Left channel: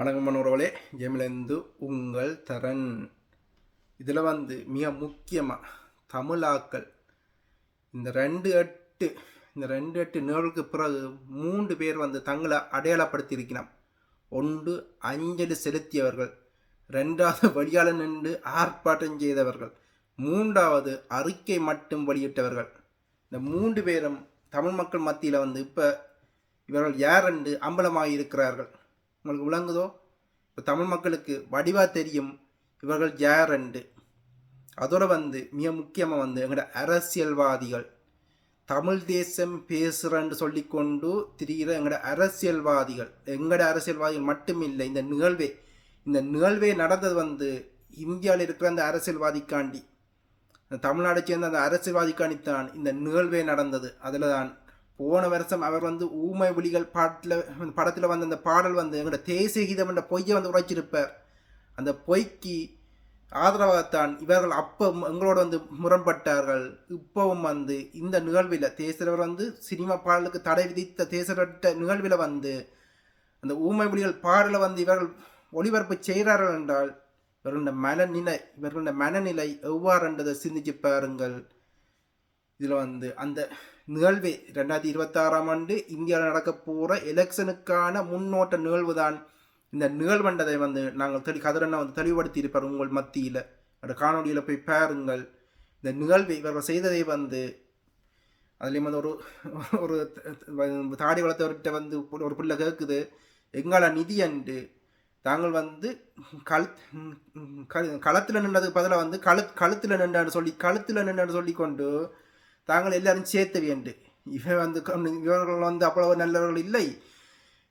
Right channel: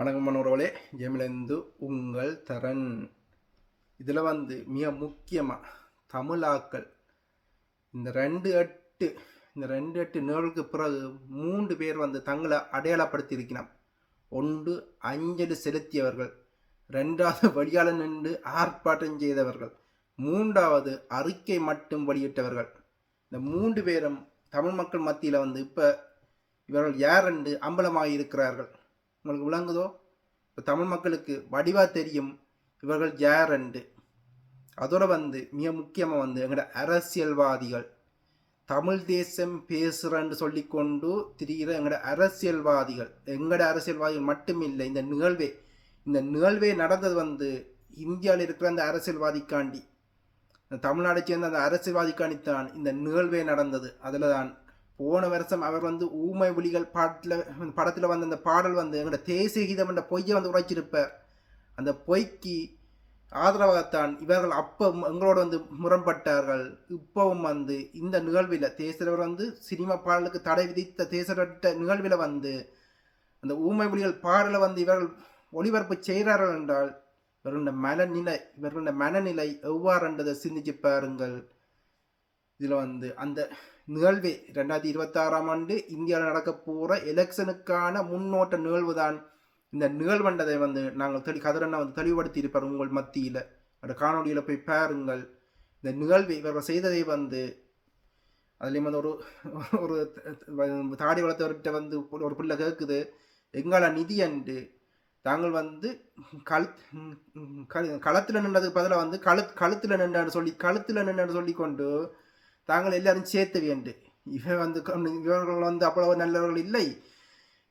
வணக்கம் மனோரவளே, ஜெமிலேந்து உங்கள் தரன். இதில் மிக முக்கியமாக தமிழாக்கள் இந்த ரெண்டு எட்டு நிகழ்வுக்கு பிறகு 3 பேர் தங்களை அடையாளப்படுத்தியிருக்கணும். ஒன்று அஞ்சலி செலுத்தியவர்கள், 2வது வெளியாள நின்று ஆர்ப்பாட்டம் செய்தவர்கள், 3வது அறிக்கை மட்டும் வெளியிட்டவர்கள். இந்த 3 பேரும் தமிழ் மக்கள் மத்தியில் இப்போ இவர்கள் யார் என்று அம்பலமாக இருக்கிறார்கள். உங்களுக்கு விளங்குதோ? இப்போ தமிழ் மக்களுக்கு வடிவாக தெரியும் இவர்கள் யார் என்று. அதோட மிக முக்கியமாக எங்களோட அரசியல்வாதிகள், தமிழ் தேசம் பேசுகிறன்னு சொல்லிக்கொண்டு திரிகிற எங்களோட அரசியல்வாதிகள் மட்டும் இல்லை. இந்த நிகழ்வே நடந்தது இந்தியாவில் இருக்கிற அந்த அரசியல்வாதிக்காண்டி, தமிழ்நாடை சேர்ந்த அந்த அரசியல்வாதிக்காண்டித்தான் இந்த நிகழ்வே நடந்தது. அதில் தான் போன வருஷம் அவர் ஊமை விழிகள் படத்தில் அந்த பாடல் எங்களோட தேசிய கீதம் என்ற பொய்யை உரைச்சிருப்பார். அந்த பொய்க்கு ஆதரவாகத்தான் இவர்கள் அப்போ எங்களோட முரண்பட்டார்கள். இப்பவும் இந்த நிகழ்வில் தேசியவர் சினிமா பாடலுக்கு தடை விதித்த தேசியவர்கிட்ட நிகழ்வில் அந்த ஊமை விழிகள் பாடலை இவர்கள் ஒளிபரப்பு செய்கிறார்கள் என்றால் இவர்களுடைய மனநிலை எவ்வாறுன்றதை சிந்திச்சு பாருங்கள். இதில் அந்த நிகழ்வே 2026ஆம் ஆண்டு இந்தியாவில் நடக்க போகிற எலெக்ஷனுக்கான முன்னோட்ட நிகழ்வு தான் இந்த நிகழ்வண்டதை நாங்கள் கதிரண்ணா தெளிவுபடுத்தி இருப்பார் உங்கள் மத்தியில். அந்த காணொலியில் போய் பாருங்கள். இந்த நிகழ்வை இவர்கள் செய்ததை அதுலேயும் ஒரு ஒரு தாடி வளர்த்தவர்கிட்ட ஒரு பிள்ளை கேட்குது, எங்கள நிதி அன்று தாங்கள் களத்தில் நின்றதுக்கு பதிலாக கழுத்தில் நின்றான்னு சொல்லி கொண்டு தாங்கள் எல்லாரும் சேர்த்து வேண்டு. இவர்கள் அவ்வளவு நல்லவர்கள் இல்லை.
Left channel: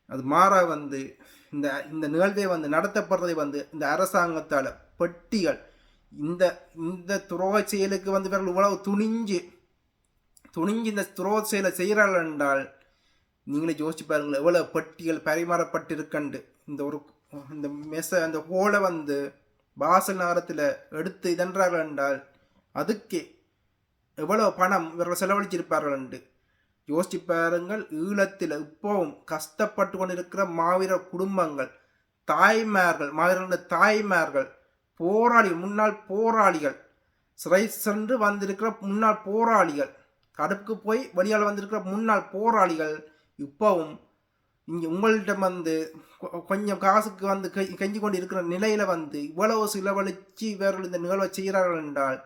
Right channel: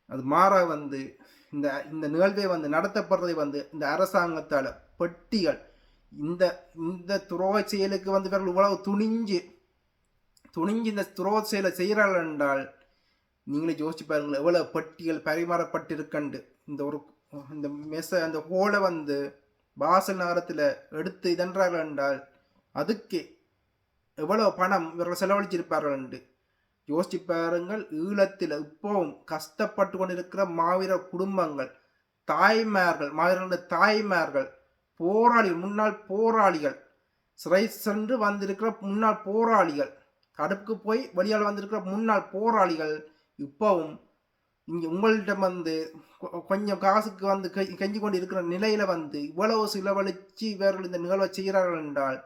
அது மாற இந்த நிகழ்வை நடத்தப்படுறதை இந்த அரசாங்கத்தால் பெட்டிகள் இந்த துரோக செயலுக்கு இவர்கள் இவ்வளவு துணிஞ்சு இந்த துரோக செயலை செய்கிறார்கள் என்றால் நீங்களே யோசிச்சு பாருங்கள் எவ்வளவு பெட்டிகள் பரிமாறப்பட்டிருக்கண்டு. இந்த ஹோலை பாசல் நகரத்தில் எடுத்து இதன்றார்கள் என்றால் அதுக்கு எவ்வளவு பணம் இவர்கள் செலவழிச்சிருப்பார்கள் என்று யோசிச்சு பாருங்கள். ஈழத்தில் இப்போவும் கஷ்டப்பட்டு கொண்டிருக்கிற மாவீரர் குடும்பங்கள், மாவீரர்களுடைய தாய்மார்கள், போராளிகள், முன்னாள் போராளிகள், சிறை சென்று வந்திருக்கிற முன்னாள் போராளிகள், தடுப்புக்கு போய் வெளியால் வந்திருக்கிற முன்னாள் போராளிகள் இப்போவும் இங்கே உங்கள்கிட்ட கொஞ்சம் காசுக்கு கெஞ்சி கொண்டு இருக்கிற நிலையில் இவ்வளவு செலவழித்து இவர்கள் இந்த நிகழ்வை செய்கிறார்கள் என்றால்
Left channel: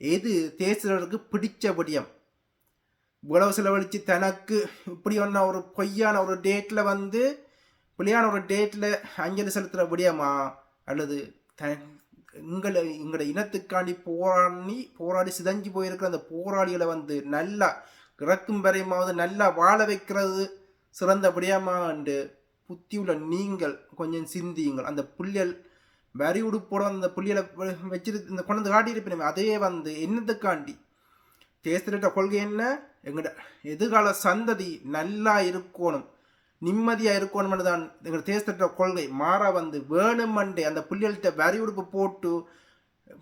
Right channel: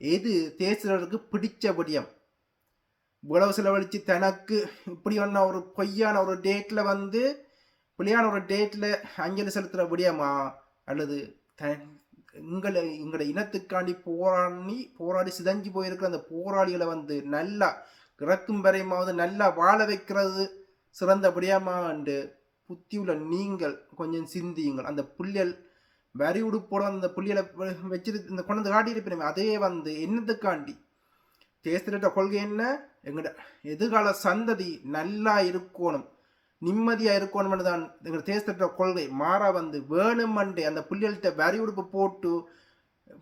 எது தேசியர்களுக்கு பிடிச்ச விடயம்? இவ்வளவு செலவழித்து தனக்கு இப்படி ஒரு பொய்யான ஒரு டேட்டில் பிள்ளையான ஒரு டேட்டில் அஞ்சலி செலுத்துகிற விடயமா? அல்லது எங்களோட இனத்துக்காண்டி போராடி சிதஞ்சு போயிருக்கிற அந்த போராளிகளை நல்லா இறக்கும் வரையுமாவது நல்லா வாழ வைக்கிறது சிறந்த விடயமா என்று புத்தியுள்ள நீங்கள் கொஞ்சம் சிந்தியுங்கள். அந்த புள்ளியல் வரி உடுப்போட அந்த புள்ளியலை வச்சிரு இந்த கொண்டு காட்டியிருப்பேன். அதே என்னத்துக்காண்டி தேசிய கொள்கை என்ன? எங்களோட எதிர்கால சந்ததி நல்லா இருக்கணும், நிம்மதியாக இருக்கணும்னு தான் எங்களோட தேசிய கொள்கை. மாறா வேணுமண்டே அந்த புள்ளியல்கிட்ட வரி உடுப்பு போட்டு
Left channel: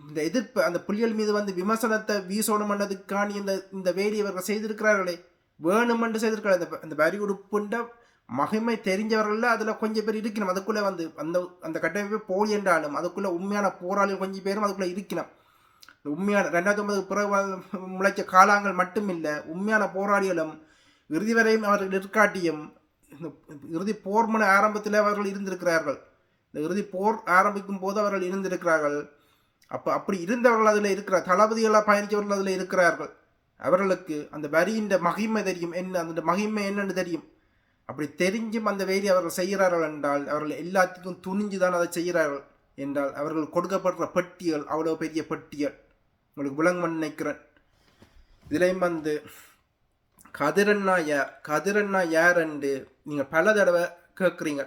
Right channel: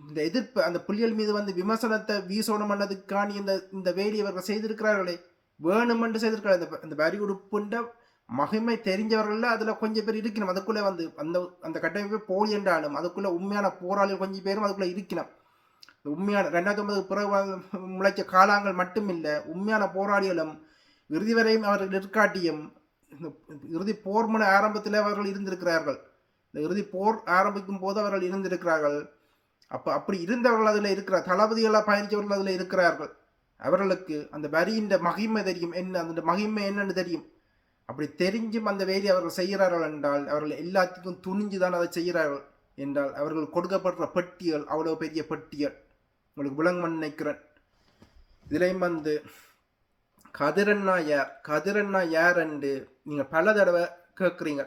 இந்த எதிர்ப்பு அந்த புள்ளியல் மீது விமர்சனத்தை வீசணும்ன்றதுக்காண்டி இந்த வேலையை இவர்கள் செய்திருக்கிறார்களே, வேணுமென்று செய்திருக்கிறார். இந்த வரி உடுப்புண்ட மகிமை தெரிஞ்சவர்கள் அதில் கொஞ்சம் பேர் இருக்கணும். அதுக்குள்ளே அந்த கட்டமைப்பு போலி என்றாலும் அதுக்குள்ளே உண்மையான போராளிகள் கொஞ்சம் பேரும் அதுக்குள்ளே இருக்கணும். உண்மையான 2009 பிறகு முளைச்ச காலங்கள் மட்டும் இல்லை, உண்மையான போராளிகளும் இறுதி வரையும் அவர்கள் இருக்காட்டியும் இந்த இறுதி போர் மன ஆரம்பத்தில் அவர்கள் இருந்திருக்கிறார்கள். இந்த இறுதி போர் ஆரம்பிக்கும் போது அவர்கள் இருந்திருக்கிறார்கள். அப்படி இருந்தவர்கள் அதில் இருக்கிறார், தளபதிகளாக பயணித்தவர்கள் அதில் இருக்கிறார்கள். அவர்களுக்கு அந்த வரியின் மகிமை தெரியும், அந்த மகிமை என்னன்னு தெரியும். அப்படி தெரிஞ்சும் அந்த வேலை அவர்கள் செய்கிறார்கள் என்றால் அவர்கள் எல்லாத்துக்கும் துணிஞ்சுதான் அதை செய்கிறார்கள் என்றால் அவர்கள் கொடுக்கப்படுற பட்டியல் அவ்வளோ பெரிய பட்டியல் உங்களுக்கு விளங்க நினைக்கிறேன். இதுலேயும் கதிரண்ணா யார் என்று நீங்கள் பல தடவை கேட்குறீங்க.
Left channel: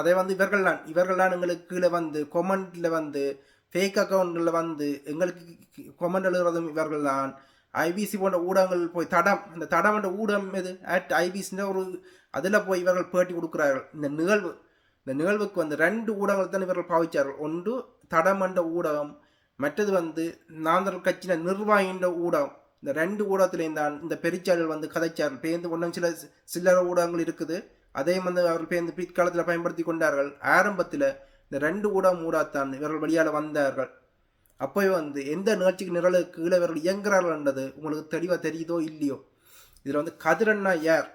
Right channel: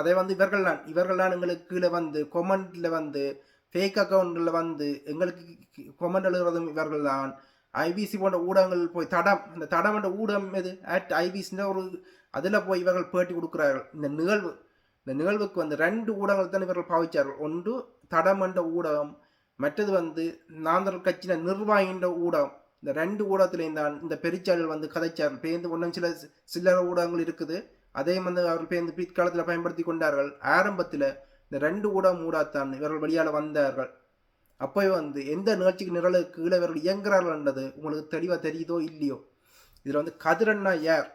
அதை இவர்கள் தான் எங்களுக்கு கீழே கொமெண்டில் ஃபேக் அக்கௌண்ட்டில் எங்களுக்கு கொமெண்ட் எழுதுறதும் இவர்கள் தான். ஐபிசி போன்ற ஊடகங்கள் போய் அந்த தடம் என்ற ஊடகம் எது @IBC ஒரு அதில் போய் இவர்கள் பேட்டி கொடுக்குறார்கள். இந்த நிகழ்வுக்கு 2 ஊடகங்கள் தான் இவர்கள் பாவிச்சார்கள். ஒன்று தடம் என்ற ஊடகம், மற்றது நாந்தர் கட்சியின நிர்வாகின்ற ஊடகம். இந்த 2 ஊடகத்திலேயும் தான் இந்த பெரிச்சாளர்கள் கதைச்சார்கள். பேருந்து ஒன்றும் சில்லற ஊடகங்கள் இருக்குது, அதையும் வந்து அவர்கள் இந்த பிற்காலத்தில் பயன்படுத்தி கொண்டார்கள். ஆரம்பத்தில் இந்த 2 ஊடகம் ஊடாத்தான் இவர்கள் வழியால் வந்தார்கள். அப்போ வந்து எந்த நிகழ்ச்சிக்கு நிரலுக்கு கீழே இவர்கள் இயங்குறார்கள்ன்றது உங்களுக்கு தெளிவாக தெரியுதோ இல்லையோ. இதில் வந்து கதிரண்ணா யார்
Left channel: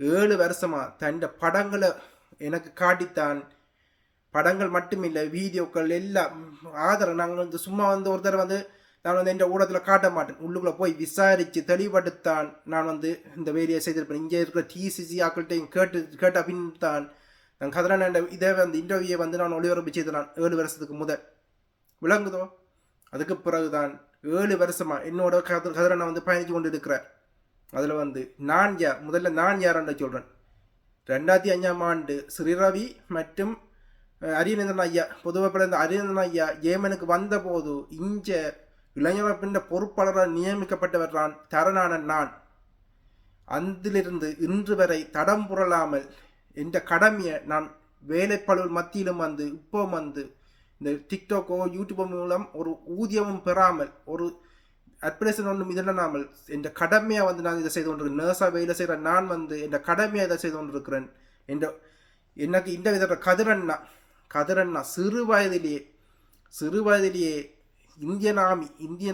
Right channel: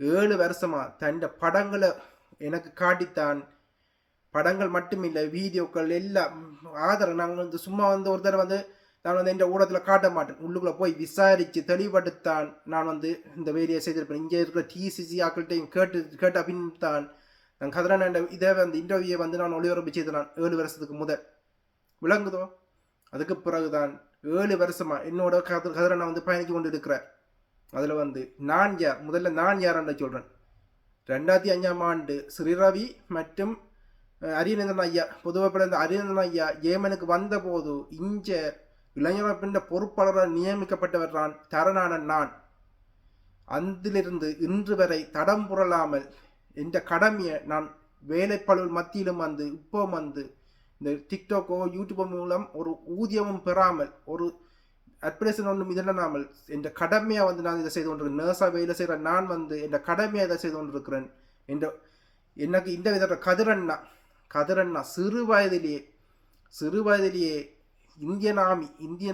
7 வருஷமா தன் படங்களை எனக்கு காட்டித்தான், படங்கள் மட்டுமில்லை வீடியோக்கள் எல்லாம் ஆதரவு. நாங்கள் வந்து சும்மா வந்து ஒருத்தர் வந்து நான் வந்து என் ஊடகத்தில் காட்ட மாட்டேன், உள்ளுக்குள்ளே போய் விசாரித்து தெளிவுபடுத்தான் நான் வந்து இந்த வேலையை செய்திருப்பேன். இங்கே இருக்கிற டிசிசி ஆக்கள்கிட்டையும் கேட்ட பின் தான் நான் கதிரண்ணா இதே வந்து இன்டர்வியூவை வந்து நான் ஒளிபரப்பு செய்தேன் 7 வருஷத்துக்கு முதல். விளங்குதோ? அதுக்கு பிறகுதான் 7 வருஷமா என்னோட கதிரண்ணா வந்து பயணித்து கொண்டு இருக்கிறார். அதில் வந்து நான் யார், முதல்ல நான் யாருன்னு சொல்கிறேன். 2005ஆம் ஆண்டு ஸ்ரீரவி மற்றும் அரியநேந்திரன் ஐயா, பொதுவாக பிறந்த அரியநேந்திரன் ஐயா ஏமனுக்கு வந்த போது இஞ்ச இளைஞர் பொறுப்பாளராக நியமிக்கப்பட்டவர் தான் தரணான நான். அதிலிருந்து இன்று வரை தடம் புரளாமல் என்ற கடமையை நான் வேலைப்பழுவல் மத்தியிலும் வந்து இப்போ வந்து இந்த டிக்டாக்கோ யூடியூபோ மூலம் ஒரு ஊதியமும் பெறாமல் ஒரு அட்வர்டைஸ்மெண்ட் ஒன்றும் இதனாமல் என்ற கடமையாக வந்து நான் இதை செய்து கொண்டிருக்கிறேன். நர்ஸாக வேலை செய்கிற நான் வந்து என்ற கடமையாக இதை செய்து கொண்டிருக்கிறேன். எனக்கு இந்த வித கதிரண்ணா சிறு வயதிலேயே இந்தியன்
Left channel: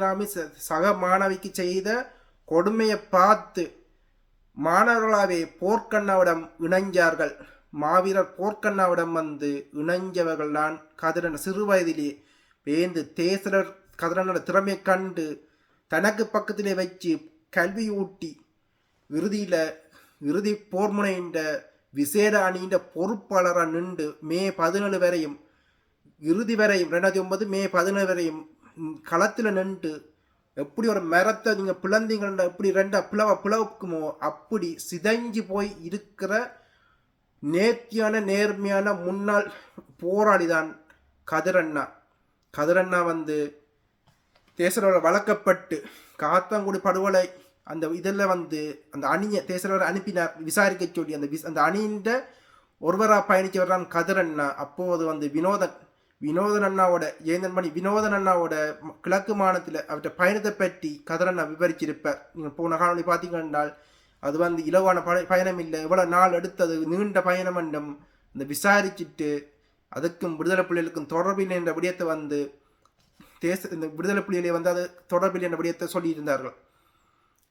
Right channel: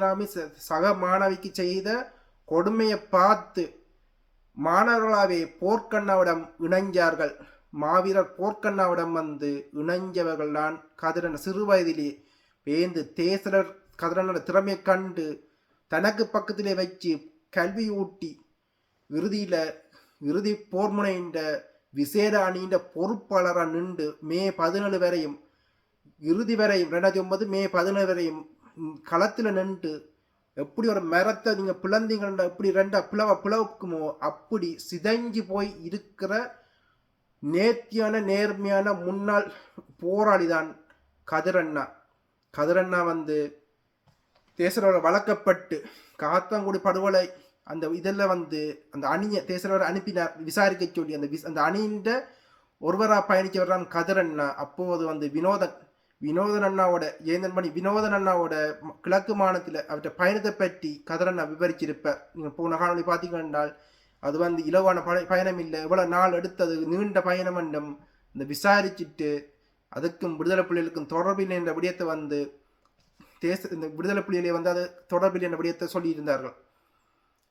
ஆர்மி சக மாணவிக்கு செய்த கொடுமையை பார்த்து மாணவர்களாகவே போர்க்கண்ணாவிடம் இணைஞ்சார்கள். மாவீரர் போர்க்கண்ணாவிடம் வந்து இணைஞ்சவர்கள் தான் கதிரண்ணா. சிறு வயதிலேயே பேந்து தேசலர் கதிரண்ணோட திறமையை கண்டு தனக்கு பக்கத்திலே வச்சு கல்வி ஊட்டி இறுதி போர்முனைன்ற விசேட அணியின் பொறுப்பாளராக நின்று மே 17 வரையும் இறுதி வரையும் 2009 மே 17 வரையும் களத்தில் நின்று எப்படி ஒரு மரத்தை நீங்கள் பிளந்தீங்கன்னா எப்படி ரெண்டா பிளவுக்குமோ அப்படி சிதைஞ்சு போய் இருக்கிற நேர்மையான முன்னாள் போராளி தான் கதிரண்ணா வந்து தேசரோட வளர்க்கப்பட்டு காத்தாங்குடி படுகொலை அந்த இதில் வந்து அந்த அணியை தேசரோட அனுப்பினார் விசாரிக்க சொல்லி அந்த அணியின் ஒருவராக பயணிச்சவர் தான் கதிரண்ணா. அப்போது வந்து வினோதன் அண்ணாவோட ஏந்தன்மணி வினோதன் அண்ணாவோட கிழக்கு மாநிலத்தில் அவற்றை பயணத்தை பற்றி கதிரண்ணா விவரிச்சிருப்பார். நீங்கள் போன காணொலி பார்த்தீங்கன்னா அது வந்து இலவான பயணம் இல்லை, எவ்வளோ நாள் எடுத்தது, நீண்ட பயணம் என்றும் இந்த விசாரிச்சுட்டு அதுக்கும் விடுதலை புலிகளுக்கும் தொடர்பில் என்ற விடயத்தை வந்து இந்த விடுதலை புலிகளை வந்து அது தொடர்பில் என்ற விடயத்தை சொல்லியிருந்தார்கள்.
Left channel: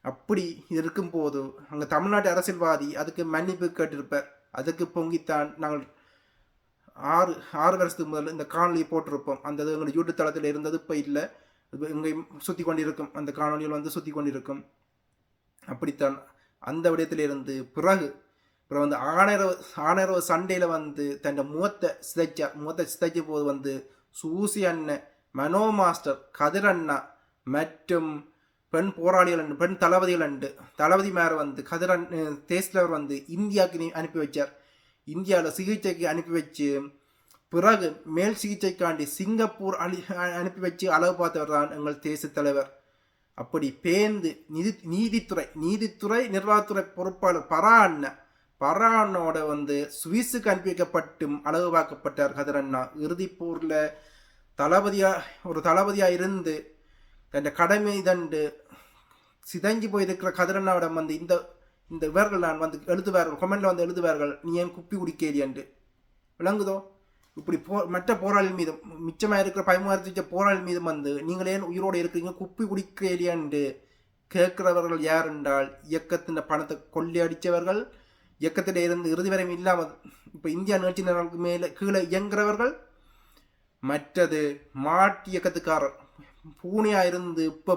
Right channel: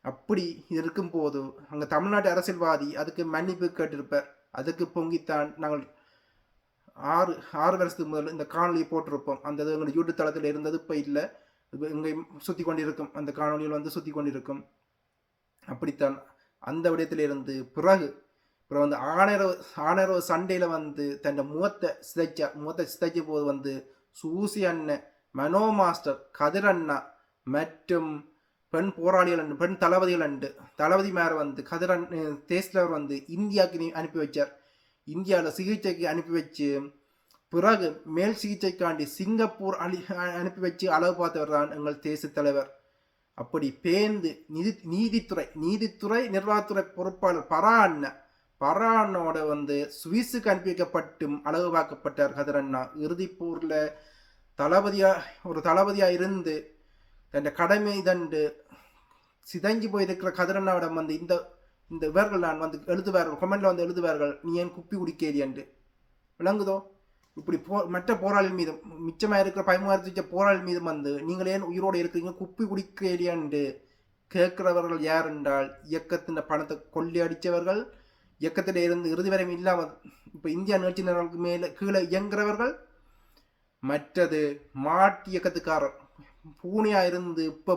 அப்படி இருக்கும் போது அங்கே தமிழ்நாட்டு அரசியல்வாதி அதுக்கு மன்னிப்பு கேட்டிருப்பார். அதுக்கு பொங்கித்தான் நாங்கள் 6 வருஷத்துக்கு முதல் இந்த காணொலியை போட்டிருப்போம். அந்த எங்களுடைய யூடியூப் தளத்தில் இருந்தது, இப்போ இல்லை, எங்கேயும் சுற்றி கொண்டிருக்கும், அந்த காணொலியில் வந்து சுற்றி கொண்டிருக்கும். அப்படித்தான் அந்த விடயத்திலிருந்து பிறகு வந்து ஆணையரவு சண்டையில் வந்து தன் முகத்தை சிதைச்ச போது வந்து சூசி அண்ணன், மனோ மாஸ்டர், கதிரண்ணா மற்றும் பெண் போராளிகள் பெண் தளபதிகள் தளபதி மேலே வந்து தேசிலவர் வந்து இந்தியாவுக்கு அனுப்பி வச்சார். இந்தியாவில் சிகிச்சைக்கு அனுப்பி வச்சு பிறகு மேல் சிகிச்சைக்காண்டி சிங்கப்பூர் அனுப்பி வச்சு அளவு பார்த்தவர் தான் எங்கள் தேச தலைவர். அப்படி பேர்ந்து நீதித்துறை நிர்வாகத்துறை பொறுப்பாளர் பராண்ணோட வந்து சுவிஸுக்கு அனுப்பி வைக்கப்பட்டும் அளவு பார்க்கப்பட்டார் கதிரண்ணா. இறுதிப்பூரில் தளபதியா இருந்து தன் கடமை இதண்டு சிதைஞ்சு போயிருக்கிற கதிரண்ணாவிடம் வந்து இந்த இவர்கள் நான் வந்து எழுதுவார்கள், கொமெண்ட்ல வந்து எழுதுவார்கள், நீ ஏன் குப்பி குடிக்கேரி என்று. விளங்குதோ? இப்படி மற்ற போராளிகள் மீதும் மிச்சமாக இருக்கிற 13 போராளிகள் மீதும் வந்து நீங்கள் ஏன் உயிரோடு இருக்கிறீங்க, குப்பி குடிக்கேலியாண்டு கேட்கிறவர்கள் யார் என்றால் இயக்கத்தின் பணத்தை கொள்ளையடித்தவர்கள், இயக்கத்தில் இருந்து இறுதி வரையும் இல்லாமல் இப்போ இந்தியா நிகழ்ச்சியினருக்கு மேலே கீழே இயங்குறவர்கள். மற்றது மாட்டு இயக்கத்துக்காரர் பூனையாக இருந்து இப்போ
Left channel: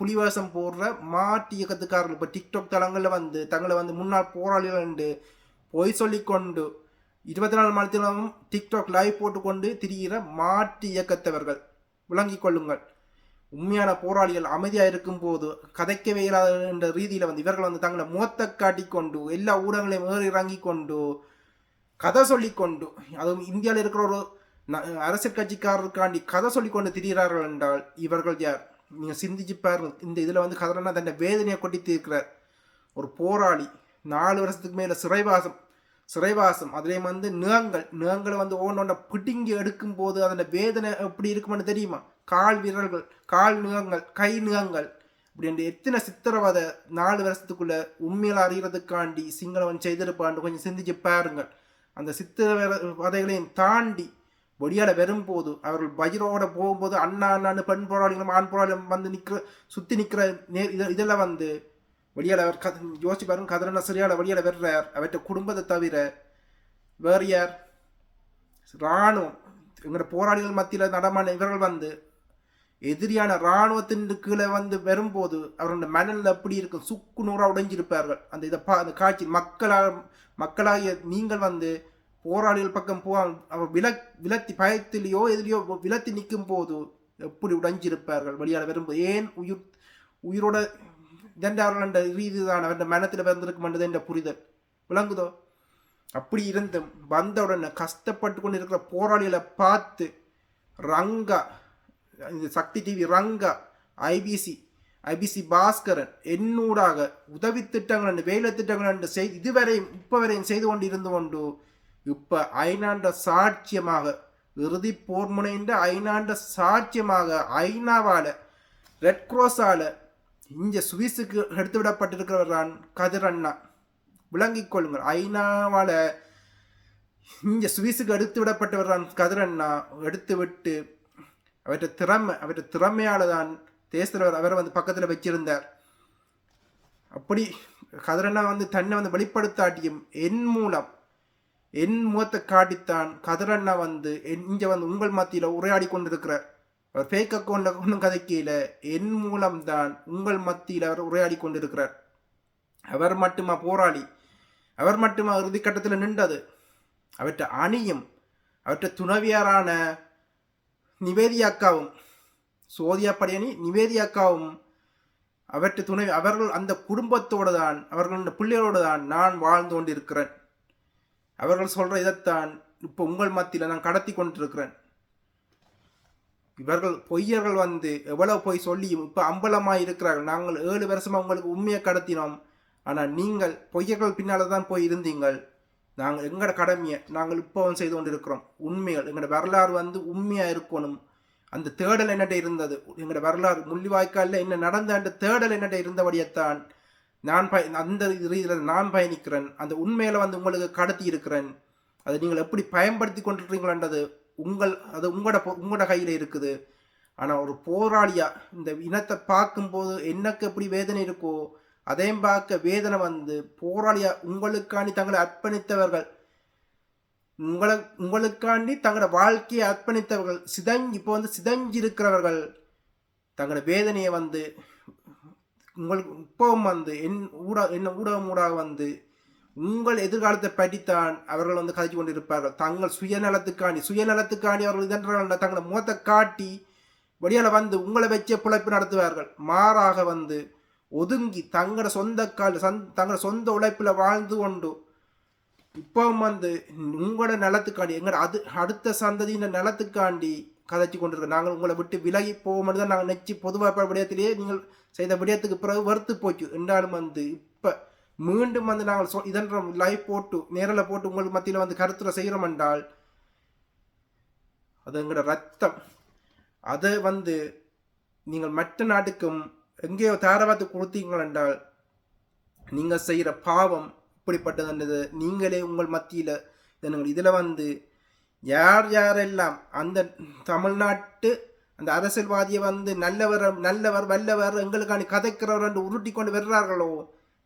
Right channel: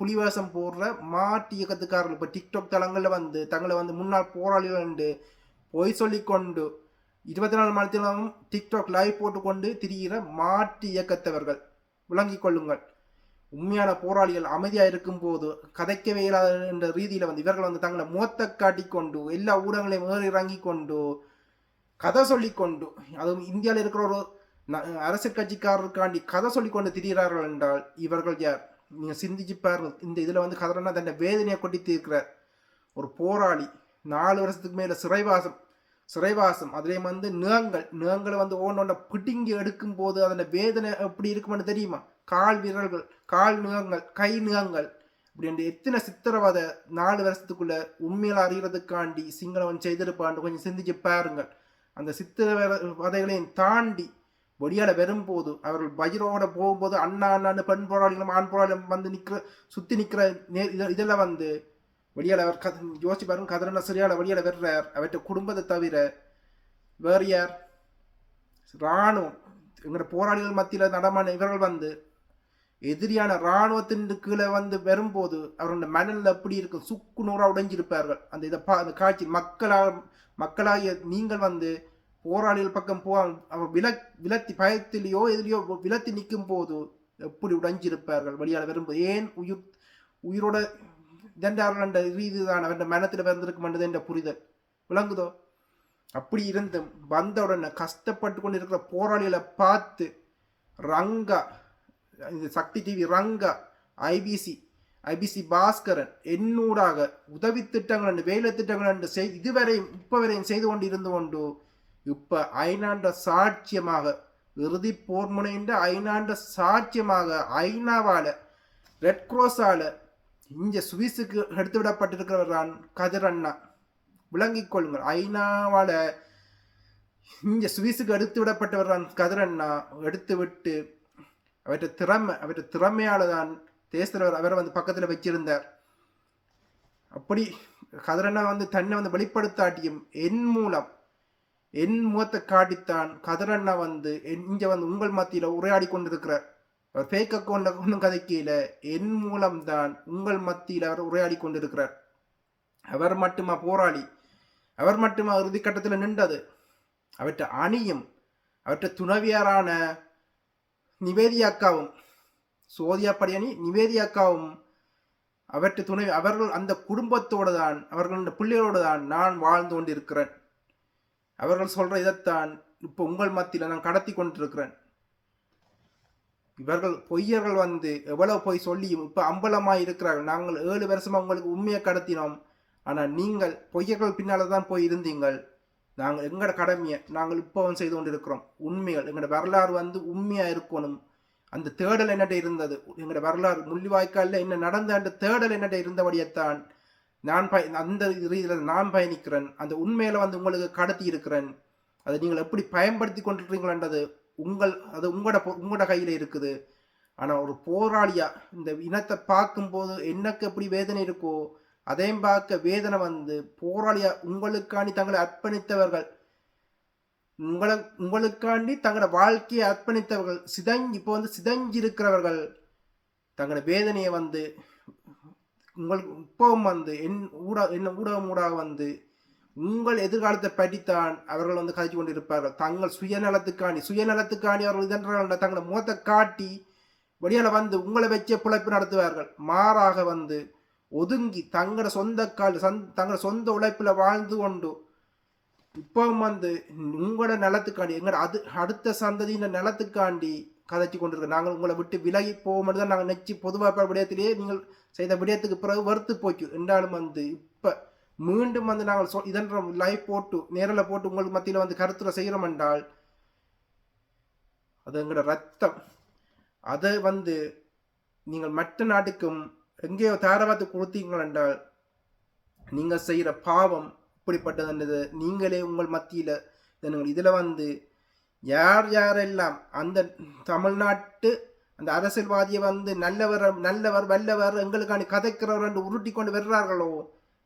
புலிவேஷம் போடுற மாட்டு இயக்கத்துக்காரர்கள் இப்போ டிக்டாக் தளங்களில் வந்து தங்களை வந்து முன்னாள் போராளிகள் என்று பொய் சொல்லிக்கொண்டு 24 மணி நேரமும் டிக்டாக் லைவ் போட்டுக்கொண்டு திரிகிற மாட்டு இயக்கத்தவர்கள் விளங்கிக் கொள்ளுங்கள். உண்மையான போராளிகள் அமைதியாக இருக்கும் போது கதைக்கவே இயலாத என்ற ரீதியில் வந்து இவர்கள் வந்து தங்களை முகத்தை காட்டிக்கொண்டு எல்லா ஊடகங்களையும் ஏறி இறங்கி கொண்டு கதை சொல்லிக்கொண்டு, அதுவும் இந்தியாவில் இருக்கிற ஒரு அரசியல் கட்சிக்காரருக்காண்டி கதை சொல்லிக்கொண்டு திரிகிறார்கள் என்றால் இவர்கள் யார்? நீங்கள் சிந்திச்சு பாருங்கள். இந்த இதில் வந்து கதிரண்ணா தன்னை வேதனையை கொட்டி தீர்க்கிறார். ஒரு போராளி 4 வருஷத்துக்கு மேலே சிறைவாசம் அதுலேயும் வந்து நிகங்களை வந்து ஒவ்வொன்றை பிடுங்கி எடுக்கும் போது அதோட வேதனை எப்படி இருக்குமென்னு தெரியுமா? கால் விரல்கள், கால் நிகங்கள், கை நிகங்கள் இப்படி என்று எத்தனை சித்திரவதை 4 வருஷத்துக்குள்ள உண்மையில அறிகிறதுக்காண்டி சிங்களவன் செய்திருப்பான்னு கொஞ்சம் சிந்திச்சு பாருங்கள். அந்த சித்திரவதைகளையும் தாண்டி வெளியால வரும்போது அவர்கள் பயிரோட போகும்போது அண்ணா அண்ணான்னு பெண் போராளிகளும் ஆண் போராளிகளும் வந்து சுத்தி நிற்கிற இதெல்லாம் வந்து வெளியால அவர் யோசிச்சு பாருங்க. கதிரண்ணா சரியான வெளியால வர்றார். அவற்றை குடும்பத்தை தவிர வேறு யார்? இராணுவம் எங்களோட போராளிகள் மத்தியில் நடமான இவர்கள் வந்து எதிரியான இராணுவத்தின் கீழே வந்து வரும்போது அவர்களோட மனநிலை எப்படி இருக்கும்? சுக்கு நூறா உடைஞ்சிருப்பார்கள். அந்த இதை அந்த காட்சி மக்களாகிய நீங்கள் வந்து போராளிகள் பக்கம் அவர் விலத்தி பயத்திலேயோ எதிலையோ விலத்தி நிற்கும் போது எப்படி உடைஞ்சிருப்பார்கள் வெளியால் வரும்போது. ஏன் உயிரோட இதென்றார்கள் ரீதிதான் அவருடைய மனத்தில் வந்திருக்கும் என்ற புரிதல் விளங்குதோ? அப்படி இருந்தும் வந்தவுடனே கஷ்டப்பட்டு கொண்டு இருக்கிற போராளிகளை பார்த்து ரங்கா, இந்த சக்தி டிவி ரங்கா, ஐபிசி பாஸ்கரன் என்னூடாக உதவி திட்டங்கள் வேலை திட்டங்கள் என்று இதுவரையும் இப்ப வரையும் செய்து கொண்டு இருந்து கொண்டு இப்ப ஐநாண்ட சாட்சியமாக இறுதி போர் முனைந்த ஐநாண்ட சாட்சியமாக ஐநாவால ரெட் கிராஸால இங்க சுவிஸுக்கு எடுத்து விடப்பட்டிருக்கிறவர் தான் கதிரண்ணா. விளங்கிக் கொள்ளுங்கள். ஐநாவால இங்க சுவிஸுக்கு எடுத்து விடப்பட்டவர் தான் கதிரண்ணா. எடுத்து விட்டு அவற்றை திறமையால தான் தேசத்தலைவர் அவரை வந்து பக்கத்தில் வச்சிருந்தார். அப்படி கதிரண்ணா வந்து தன்னை வந்து வெளிப்படுத்தாட்டியும் என் முகத்தை காட்டித்தான் கதிரண்ணா வந்து இங்க வந்து உங்கள் மத்தியில உரையாடி கொண்டிருக்கிறார். அவர் ஃபேக் அக்கௌண்ட்ல ஒன்றும் கதைக்கையில என் மூலம்தான் உங்கள் மத்தியில் அவர் உரையாடி கொண்டிருக்கிறார். அவர் மட்டுமா போராளி? அவர் மட்டுமா இறுதி கட்டத்தில் நின்றது? அவற்றை அணியும் அவற்றை துணவியாரான நிவேதியாக்காவும் சோதியா படியணி நிவேதியாக்காவும் அவற்றை துணை அவர்கள் அந்த குடும்பத்தோடு தான் அவர்கள் பிள்ளைகளோடு தான் நான் வாழ்ந்து கொண்டிருக்கிறேன். அவர்கள் சொல்ற இதைத்தான் இப்போ உங்கள் மத்தியில் நான் கடத்தி கொண்டிருக்கிறேன். இவர்கள் பொய்யர்கள் வந்து எவ்வளவு பொய் சொல்லியும் இப்போ அம்பலமாக இருக்கிறார்கள். நாங்கள் 7 வருஷமா உங்களுக்கு உண்மையை கடத்தினோம். ஆனால் நீங்கள் பொய்யர்கள் பின்னால் தான் போய் இருந்தீங்கள். நாங்கள் எங்களோட கடமையை நாங்கள் இப்போவும் செய்து கொண்டிருக்கிறோம். உண்மைகள் எங்களோட வரலாறு வந்து உண்மையாக இருக்கணும். அந்த தேடல் என்னட்ட இருந்தது. எங்களோட வரலாறு முள்ளிவாய்க்காலில் என்ன நடந்த அந்த தேடல் என்னட்ட இருந்தபடியத்தான் நான் அந்த ரீதியில் நான் பயணிக்கிறேன். அந்த உண்மையில வந்து உங்களுக்கு கடத்தி இருக்கிறேன். அதை நீங்கள் எப்படி பயன்படுத்தி கொண்டிருக்கீங்களன்றது உங்களோட கையில் இருக்குது. ஆனால் ஒரு போராளியா இந்த இனத்தை பார்க்கும்போது எனக்கு எப்படி வேதனை இருக்கோ அதையும் பார்க்க வேதனை வந்து போராளியா உங்களுக்காண்டி தங்களை அர்ப்பணித்தவர்கள், உங்களுக்காண்டி தங்களோட வாழ்க்கையை அர்ப்பணித்தவர்கள் இப்போ வந்து சிதஞ்சிருக்கிறவர்கள் தங்களோட வேதனையை வந்து உங்களுக்கு இப்பவும் வந்து என்ன ஊடக வந்து உங்கள் எதிர்காலத்தை பற்றித்தான் அவர்கள் வந்து கதைச்சு கொண்டிருப்பார்கள். தங்கள் சுயநலத்துக்காண்டி அவர்கள் இதென்றால் தங்களை முகத்தை காட்டி வெளியால வந்து உங்களை வச்ச பிழைப்பு நடத்துவார்கள். மாறாக வந்து ஒதுங்கி தங்களோட தங்களோட சொந்த உழைப்பில் வாழ்ந்து கொண்டு இப்பவும் வந்து உங்களோட நிலத்துக்காண்டி எங்களோட அடுத்த சந்ததியின் நிலத்துக்காண்டி கதைச்சு கொண்டிருக்க நாங்கள் உங்களை விட்டு விலகி போக மட்டும் தான் நாங்கள் நெச்சு பொதுவாக விடயத்திலேயே நீங்கள் செய்த விடயத்துக்கு பிறகு வறுத்து போச்சு என்றாலும் வந்து இப்போ மீண்டும் வந்து நாங்கள் இதென்ற லைவ் போட்டு நேரில் போட்டு உங்களுக்கு மத்தியில் வந்து கருத்துரை செய்கிறோம் என்றால் அது எங்களோட ரத்தம். அதை வந்து நீங்கள் மற்ற நாட்டுக்கும் எங்கேயோ தாரவாத்து கொடுத்தீங்கள் என்றால் நீங்கள் செய்கிற பாவம் இப்படிப்பட்டது. நீங்களே உங்கள் மத்தியில் இதில் வந்து யாரெல்லாம் அந்த தமிழ்நாட்டு அந்த அரசியல்வாதியை வந்து நல்லவர் வல்லவர் எங்களுக்கான கதைக்கிறவர் என்று உருட்டி கொண்டு வருகிறார்களோ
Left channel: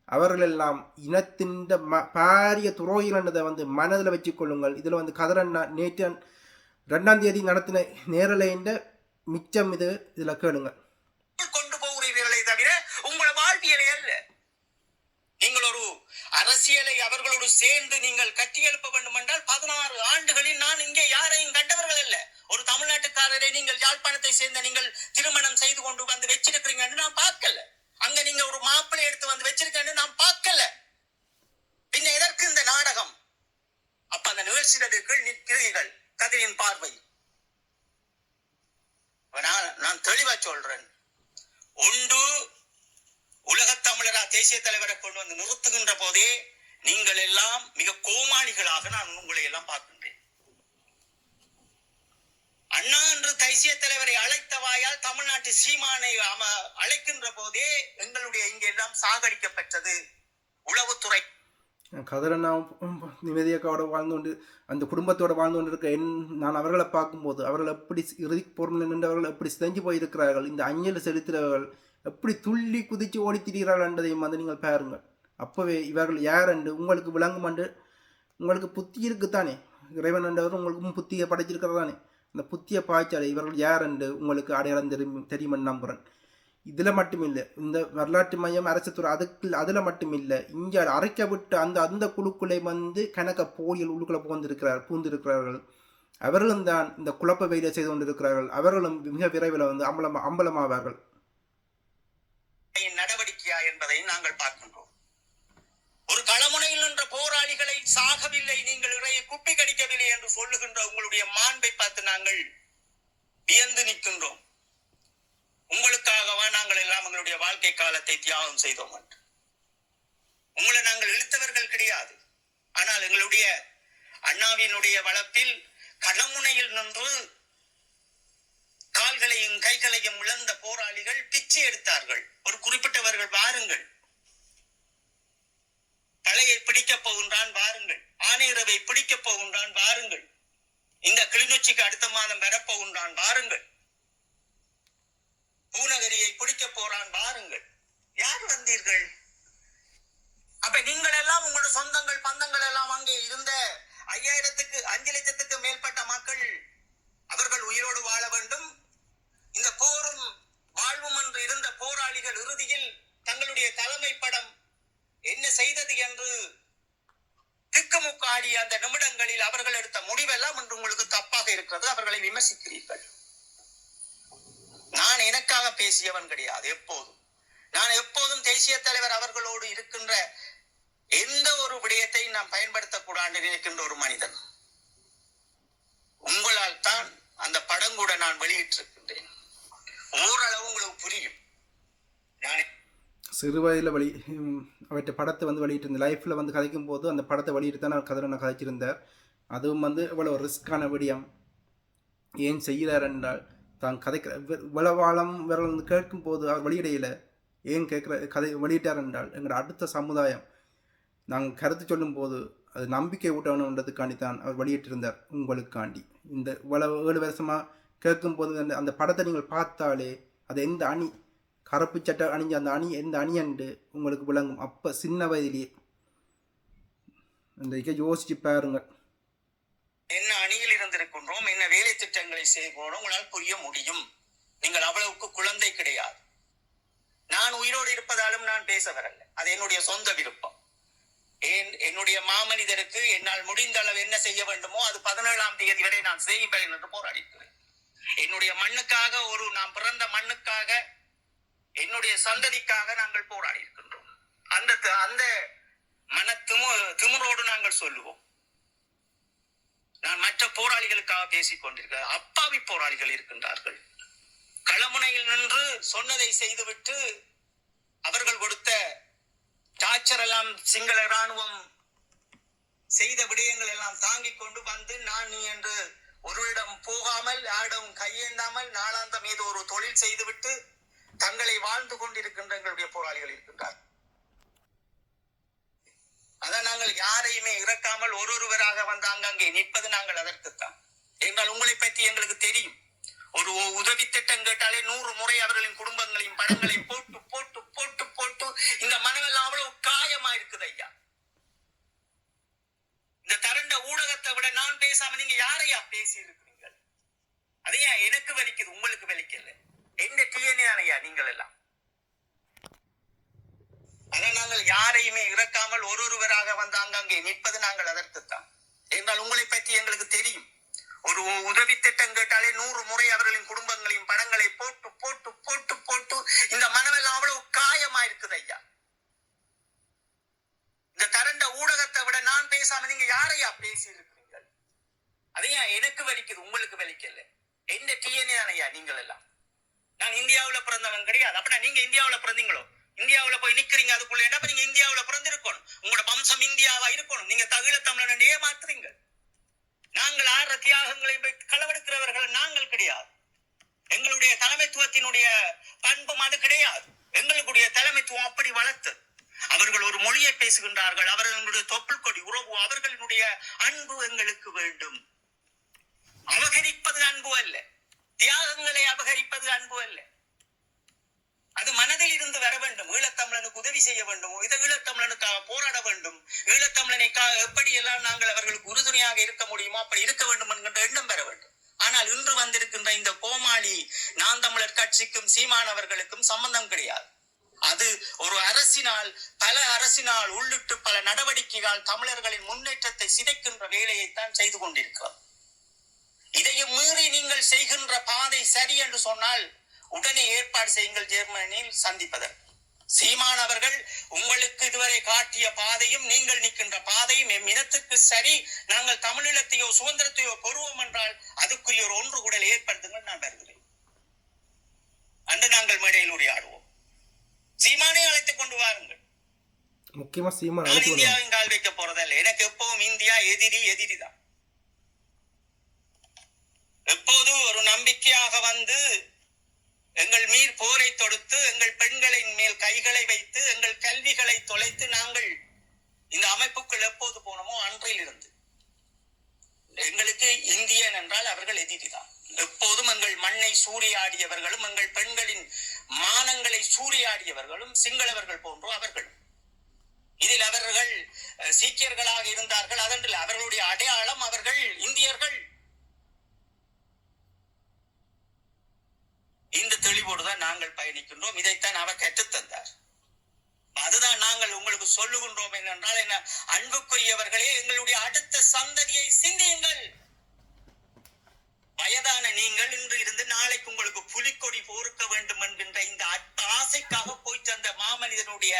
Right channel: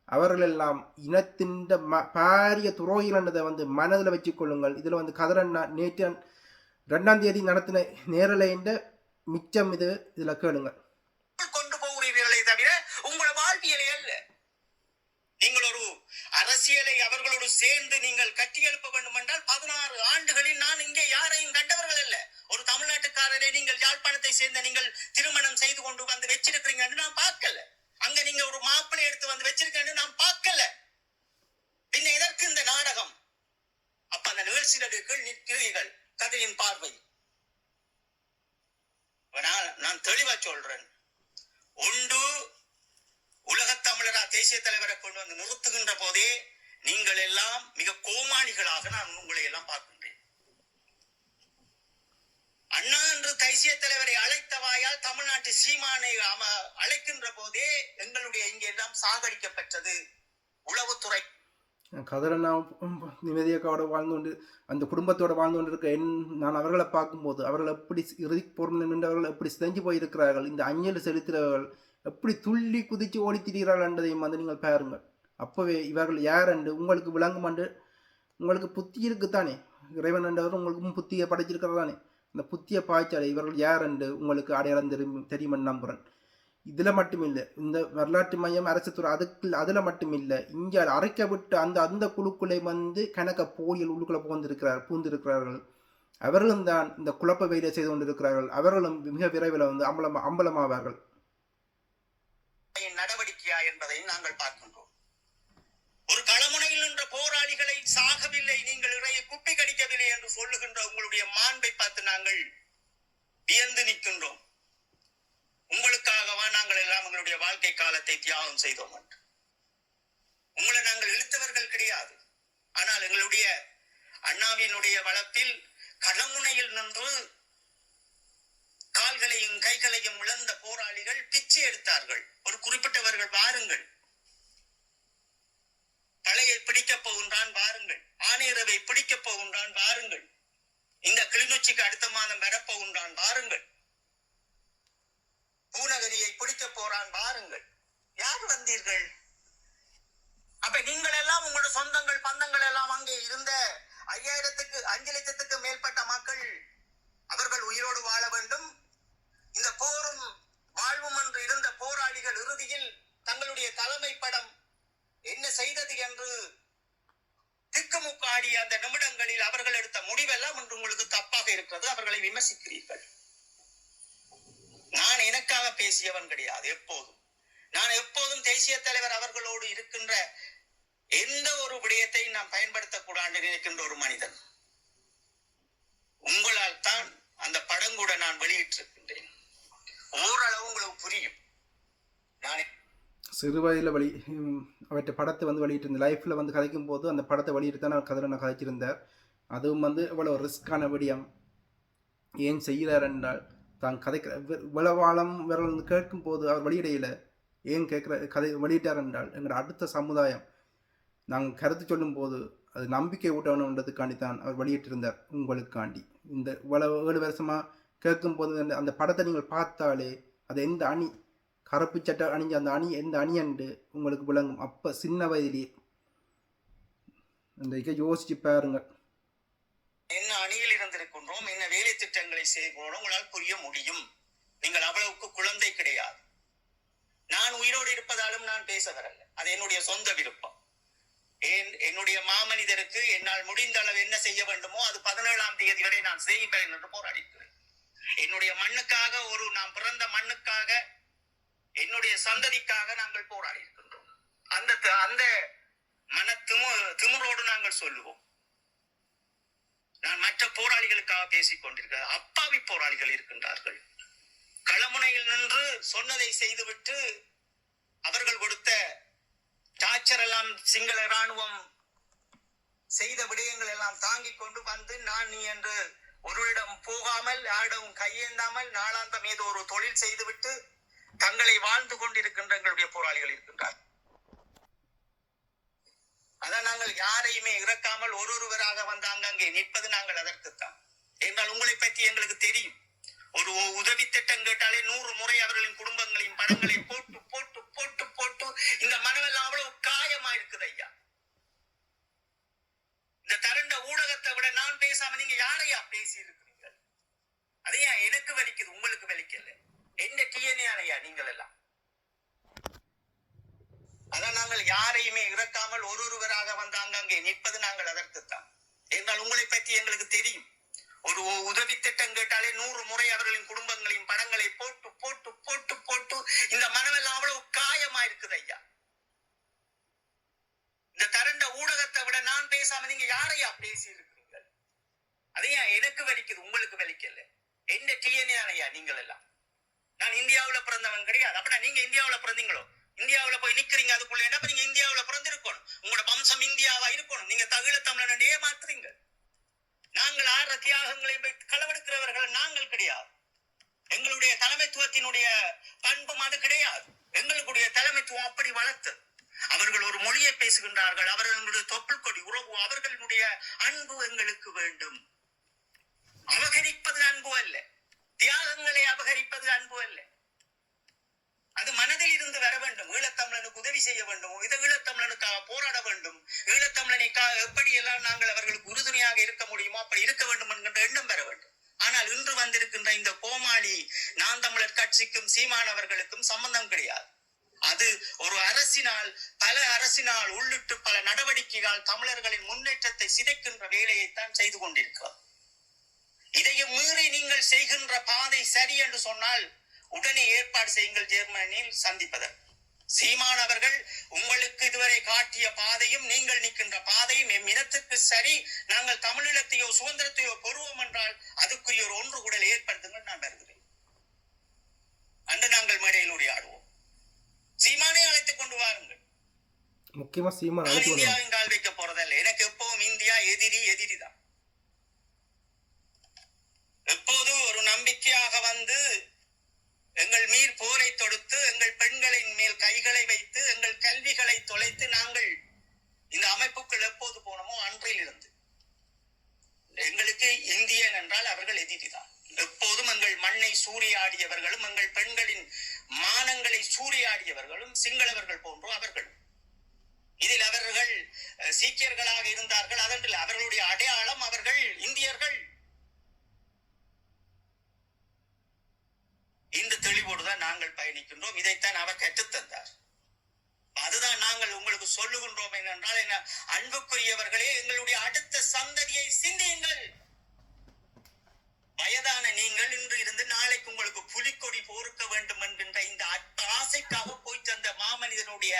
அவர்கள் எல்லாம் இனத்தின் பாரிய துரோகிகள் வந்து மனதில் வச்சுக் கொள்ளுங்கள். இதில் வந்து கதிரண்ணா நேற்று 2ஆம் தேதி நடத்தின நேரலைன்ற மிச்சம் இதில் கேளுங்க. கொண்டு போகிறீர்களே தவிர உங்கள் வாழ்வியலை அல்ல. நீங்கள் ஒரு அரசியலை அவர்களோடு சேர்ந்து நீங்கள் கட்டி எழுப்ப வேண்டும் என்றால் 16 ஆண்டுகளில் நான் இங்கே யாரையும் கண்டவர்கள் அல்ல. ஒரு தமிழ்நாட்டுக்காரரை நீங்கள் யாழ்ப்பாணத்தை சேர்ந்த நீங்கள் திருமணம் செய்து கொண்டு வந்து வச்சிருக்கிறீங்க நான் பார்க்கல. அங்க நீங்க ஒரு மாப்பிள்ளை எடுத்து வந்து வச்சிருக்கேன்னு நான் பார்க்கல. பின்ன எதற்கு இந்த நாடகம்? அப்ப அந்த நிகழ்ச்சிகளுக்குள் நிற்கிறீர்கள் கதையின் பார்வை. நான் தெளிவா சொல்றேன். ஒன்று உலகத் தமிழரா தேசிய தலைவரை கொண்டு வந்து நிறுத்துகின்ற போதே நீங்கள் எல்லாம் மிக கோமாளிகளாக நான் உங்களை எல்லாம் பார்க்கின்றேன். அண்ணா என்று தேசிய தலைவரை அழைத்த வாயால் தமிழ்நாட்டு சீமானை அழைக்கின்ற போதே எங்களுடைய இங்கே எல்லாம் சாகடிக்கப்பட்டது உளவுத்துறை. கதிரண்ணா நிம்மதியக்காவோட வாழ்ந்து கொண்டு அந்த குடும்பத்தோடு வாழ்ந்து கொண்டிருக்க நான் அவர்களை பார்க்கும்போது அவர்கள் எப்படி இறுதி பொருள் நின்றவர்கள் எப்படி சிதைஞ்சு போயிருக்கிறார்கள், இந்த அஞ்சல் செலுத்துகிறவர்கள் எப்படி துள்ளி குதித்து ஓடி திரிகிறார்கள் என்றதையும் வந்து நீங்கள் பாருங்கள். அப்போவே இவர்கள் யார் என்று உங்களுக்கு விளங்கும் என்று உங்களுக்கு புத்தி இருக்குத்தானே, இறைவன் என்றவர் உங்களுக்கு புத்தியை படைச்சிருக்கிறதானே, அந்த புத்தியை பாய்ச்சாலே இவர்கள் யார் என்று உங்களுக்கு அடையாளம் தெரியும் நம்புகிறேன். இதில் மட்டும் இல்லை, இந்த வரலாற்று மையம் அரசுத்துறை அதில் மட்டும் இல்லை, இங்கே அரைக்க விட்டு அந்த குழுக்குள்ளே வந்து கணக்க போலியல் உள்ளுக்குள்ளே பூந்திருக்கிறார்கள். அவர்களும் தான் இந்த குழப்ப வேலை செய்து கொண்டிருக்கிறார்கள். அவர்களும் மிக விரைவில் வந்து அம்பலமாவார்கள். நடவடிக்கையா என்பதை நாங்கள் பார்க்கின்றோம். ஒரு களமுனையில் நின்ற போராளிகளை சாகவில்லை, நீங்கள் இறையை குப்பி கடிக்கவில்லை என்று சொல்லுகின்ற உங்களுடைய மாண்பை பார்த்து நாங்கள் வியந்து நிற்கின்றோம். உங்களுக்காகவா நாங்கள் எல்லாம் எங்களுடைய வாழ்க்கை காலத்தை தியாகம் செய்தோம் என்று. உங்களை நாங்கள் இழுத்தவர்கள் கிடையாது. ஆனால் எங்களுடைய அண்ணாவினுடைய வளத்தில் களமுனையில் நின்று கால்களையும் கைகளையும் இழந்த போராளிகள் பிச்சை எடுத்தார்கள். ஒரு குறிப்பிட்டவர்கள் வாருங்கள், பழையை பிடிக்கப் போகின்றான் வாருங்கள், ஆணையரவை பிடிக்கப் போகின்றான் வாருங்கள், இந்த கிளிநொச்சிக்கு அடுத்த மாதம் வரப்போகின்றான் வாருங்கள், பூநகரியை பிடிக்கப் போறான் வாருங்கள். யார் வந்தீர்கள்? அப்ப நீங்கள் எல்லாம் உங்களோட சொந்தங்கள் பந்தங்கள் எல்லாம் அங்கே இருந்த 5 லட்சத்துக்கு மேற்பட்ட மக்கள் அவர்கள் உயிரோடு வாழ வேண்டும். இந்த போரும் வாழ்வும் என்று இருந்த போராளிகள் இறுதியில் தங்களுடைய தலைமை படம் என்ன செய்தது என்று திக்குமுக்காடிய அந்த நிமிடங்களில் அவர்கள் எடுத்த முடிவெல்லாம் என்று உங்களுக்கு தப்பாக இருக்கிறது. அவர்களை விமர்சிக்கிறீர்கள். நான் எனக்காக பேசியவன் கிடையாது. நான் எப்போதும் தேசிய தலைவர் அவர்களோடு இருக்கின்ற எந்த ஒரு விடயத்தை நான் பயன்படுத்தக்கூடாது நினைக்கின்ற ஒரு மனிதன். உங்களால் தான் அந்த படம் கூட நான் வெளியிட்டிருக்கின்றேன். ஓரளவு உங்களுக்கு புரியும். சிறு வயதில் அவற்றை படத்தை வந்து வெளியிட்டிருந்த லைஃப்பில் வந்து கதைக்கும் போது அந்த படத்தை வெளியிட்டு தான் நான் கதிரனை கதைச்சிருந்தார். அதுவும் வந்து இவ்வளோ ரிஸ்க்கான விடயம் ஏன் செய்கிறார் என்றால் தான் கதைக்கிற இவ்வளவாளம் விரல் வந்து கேட்கும் போது அவர் வெளியிடையில் ஏன் கதை வெளியிட்டார் என்றால் எங்களோட அடுத்த சமுதாயம் நாங்கள் கருத்து சொல்லும் போது அது நம்பிக்கை ஊட்டணுன்றதுக்காண்டி தான் அவர் வெளியிட்டிருந்தார். உங்களுக்காண்டி இந்த இவ்வளவு 7 வருஷமாக கேட்கும் போது அந்த படத்தை நீங்கள் பார்த்தாலே அது எந்த அணி கருப்பு சட்டை அணிஞ்ச அந்த அணி எந்த அணி என்று உங்களுக்கு விளங்கும். அப்போ சின்ன வயதிலேயே அந்த யோசிச்சு பாருங்க. என்ன அணியில் இருந்திருக்கின்றோம், என்ன வேலை திட்டங்களை செய்கிறோம், உங்களால் புரிய முடியும். நீங்கள் அவ்வளவுக்கு குழந்தை கிடையாது. நான் உயிரோடு இருப்பதாலும் நான் பேச வரல. அது என்னுடைய சொந்த விருப்பம். என்னுடைய மாமனிதருக்கு என்னால் முடிந்த அளவு என்ன செய்ய வேண்டுமோ அது 17ஆம் தேதி வரை நான் செய்வேன் என்று போராடிக்கிறேன். என்னுடைய மண்ணுக்காக, நான் பிறந்த மண்ணுக்காக, என்னுடைய சந்ததிக்காக நாங்கள் போராடி இருக்கின்றோம். அந்த மன திமுறோடு நாங்கள் சொல்லுவோம். நான் மற்ற போராளிகளுக்காக பேசிக் கொண்டிருக்கிறேன். அப்பாவி போராளிகள் இருக்கின்றார்கள். களமுனையில் நின்று சொன்னதை செய்துவிட்டு அவர்கள் கொடுத்த டார்ச்சர் எல்லாம் சிங்கள இராணுவம் செய்த விடயங்கள் எல்லாம் தாங்கிக் கொண்டு வந்து நான் நீ என்று ஒருவரிடம் போகாமல் யாரிடம் கையேந்தாமல் நாளாந்தம் ஏதோ ஒரு தொழில் செய்துவிட்டு தங்களை வாழ்ந்து கொண்டிருக்கின்ற எங்களுடைய போராளிகள் இருக்கின்றார். அதான் நாங்கள் யாரையுமே இறக்காமல் ஒருவராக வந்தாங்க அங்கே நிற்பது நாங்கள் அதற்குத்தான். என்றால் உங்களை பற்றி எங்களுக்கு தெரியும். ஒரு உதவி திட்டம் கேட்டாலே 100 முறை அவர்களின் குடும்பங்களின் படங்களை போட்டு போட்டு போட்டு போட்டு இந்த மனமெல்லாம் அவ்வளவு காயமா இருக்குது ஐயா. இந்த தரண்ட ஊடகத்தை விட நான் பேசாம நீங்க யாரையா பேசி இருக்கிறீங்க? அதையா எனக்கு வலிக்குது, உங்களுக்கு வலிக்கல. எந்த டிஎன்ஏ ஐயா நீங்கள் எல்லாம். அதான் நாங்கள் யாரையுமே இறக்காமல் ஒருவராக வந்தாங்க அங்கே நிற்பது நாங்கள் அதற்குத்தான். என்றால் உங்களை பற்றி எங்களுக்கு தெரியும். ஒரு உதவி திட்டம் கேட்டாலே 100 முறை அவர்களின் குடும்பங்களின் படங்களை போட்டு போட்டு போட்டு போட்டு இந்த மனமெல்லாம் அவ்வளவு காயமா இருக்குது ஐயா. இந்த தரண்ட ஊடகத்தை விட நான் பேசாம நீங்க யாரையா பேசி இருக்கிறீங்க? அதையா எனக்கு வலிக்குது, உங்களுக்கு வலிக்கல. எந்த டிஎன்ஏ ஐயா நீங்கள் எல்லாம். நான் இந்தியாவுல பிறந்தவன் கிடையாது. அப்படின்னா நீங்க இந்தியாவுல பிறந்தீங்களோ? இந்தியாவுல போய் நிக்கிறீங்க அதுக்குள்ள. அப்ப நீங்க இந்தியாவுல பிறந்திருக்கணும். உங்களோட வம்சம் இந்தியாவா இருக்கணும். நீங்க தகுல தமிழன் ஏமாத்துறீங்க. நாங்கள் 6 தியாகங்களை களவெடுக்கிறவர்கள் நாங்கள் கிடையாது. எங்களுடைய தலைமைத்துவத்தினுடைய பண்பும் அது கிடையாது. எங்களுடைய தலைமைத்துவம் அப்படி வளர்த்து அவர்கள் ஒரு மொழியை பேசுகின்றார்கள், அவர்களுடைய தொப்புள் கொடி உறவு, அவர்களுடைய அன்பு எங்களுக்கு வேண்டும். அபகரிப்பது அன்பு அல்ல, தியாகங்களை அபகரிப்பது அன்பு அல்ல. அது மனதில் இருந்து வர வேண்டும். ஈழத்தமிழனுக்கு உதவி செய்ய வேண்டும், ஈழத்தமிழனுக்காக போராட வேண்டும், ஈழத்தமிழனுக்காக எப்படியெல்லாம் நாங்கள் அவர்களுக்கு உறுதுணையாக இருக்க முடியுமோ அப்படி இருக்க வேண்டும் என்கின்ற எண்ணம் பெற வேண்டும். ஆனால் இன்று வந்திருக்கின்ற இந்த கோமாளி நான் தமிழர் கட்சிக்கும் சீமானவர்களுக்கும் சம்பந்தம் கிடையாது. அது ஒரு அரசினால், பல அரசினால் உள்ளிட்டு பல நடவடிக்கைகள் தமிழர்களின் முன்னேற்றத்தை சிதைக்கின்ற வேலையைத்தான் செய்து கொண்டிருக்கிறார். இதையும் மீறி நீங்கள் செய்கின்ற பாதை சரி என்று சொன்னால் உடனே ஏற்பாடு செய்யுங்கள் ஜெர்மனியில் சந்திப்பதற்கு. சீமான் அவர்கள் உங்களுக்கு இதுவரை காட்டிய பாதையும் நீங்கள் நிற்கின்ற பாதையும் எம் இனத்துக்கு சரி, நாங்கள் தமிழீழத்தையோ சுதந்திரத்தையோ பெறுவோம் என்றால் அதுக்குரிய ஒரு ஒன்று கூடல் ஏற்படுத்துங்கள், நான் வருகிறேன் அன்று நாங்கள் மேடையில் உரையாடுவோம். சீமானே அழைத்துக் கொண்டு வாருங்கள். முக்கியமா சீமான் இந்தியாவின் கால் வைக்க போறதல்ல. எனக்கு எப்பவும் இந்தியா எதிரிதான். எப்போது ஒரு நம்பிக்கையாக வந்து எங்கள் மீர் போரை தொடுத்து எங்கள் பெண்களின் மேல் கைகளை வைத்து எங்கள் கல்விகளை தொலைத்து நாங்கள் இந்த அமைப்புக்குள் எப்போது போனோமோ அன்றையில் இருந்து எங்களுக்கு இந்தியன் என்றால் அவர்கள் எதிரிதான். எப்போதும் எங்கள் மண்ணை சூறையாடியவர்களும் எங்கள் பெண்களின் மானங்களை சூறையாடியவர்களும் சிங்களவர்கள் போன்றோ அவர்களும். இதில் அவர்கள் சீக்கியர்களாக இருந்தார்கள், அதன்றில் அவர்களுடைய அடையாளம் அவர்கள் இந்தியர்கள். இந்த தெளிவோடுதான் நாங்கள் பயணிக்கின்றோம். இதைத்தான் அவர் கற்றுத்தந்தார். அதுதான் நாங்கள் உங்களுக்கு சொல்லுகின்றோம். என்னென்றால் என்ன, அன்புக்குரியவர்களே, எங்களுடைய அடுத்த சந்ததியை சிந்தியுங்கள். வயதான நீங்கள் இன்று இருந்து நாளைக்கு உங்களுக்கு புலிக்கொடி போர்க்க வேண்டும் என்கின்ற இந்த ஆசைக்காக போயிட்டு அந்த மாமனிதனுடைய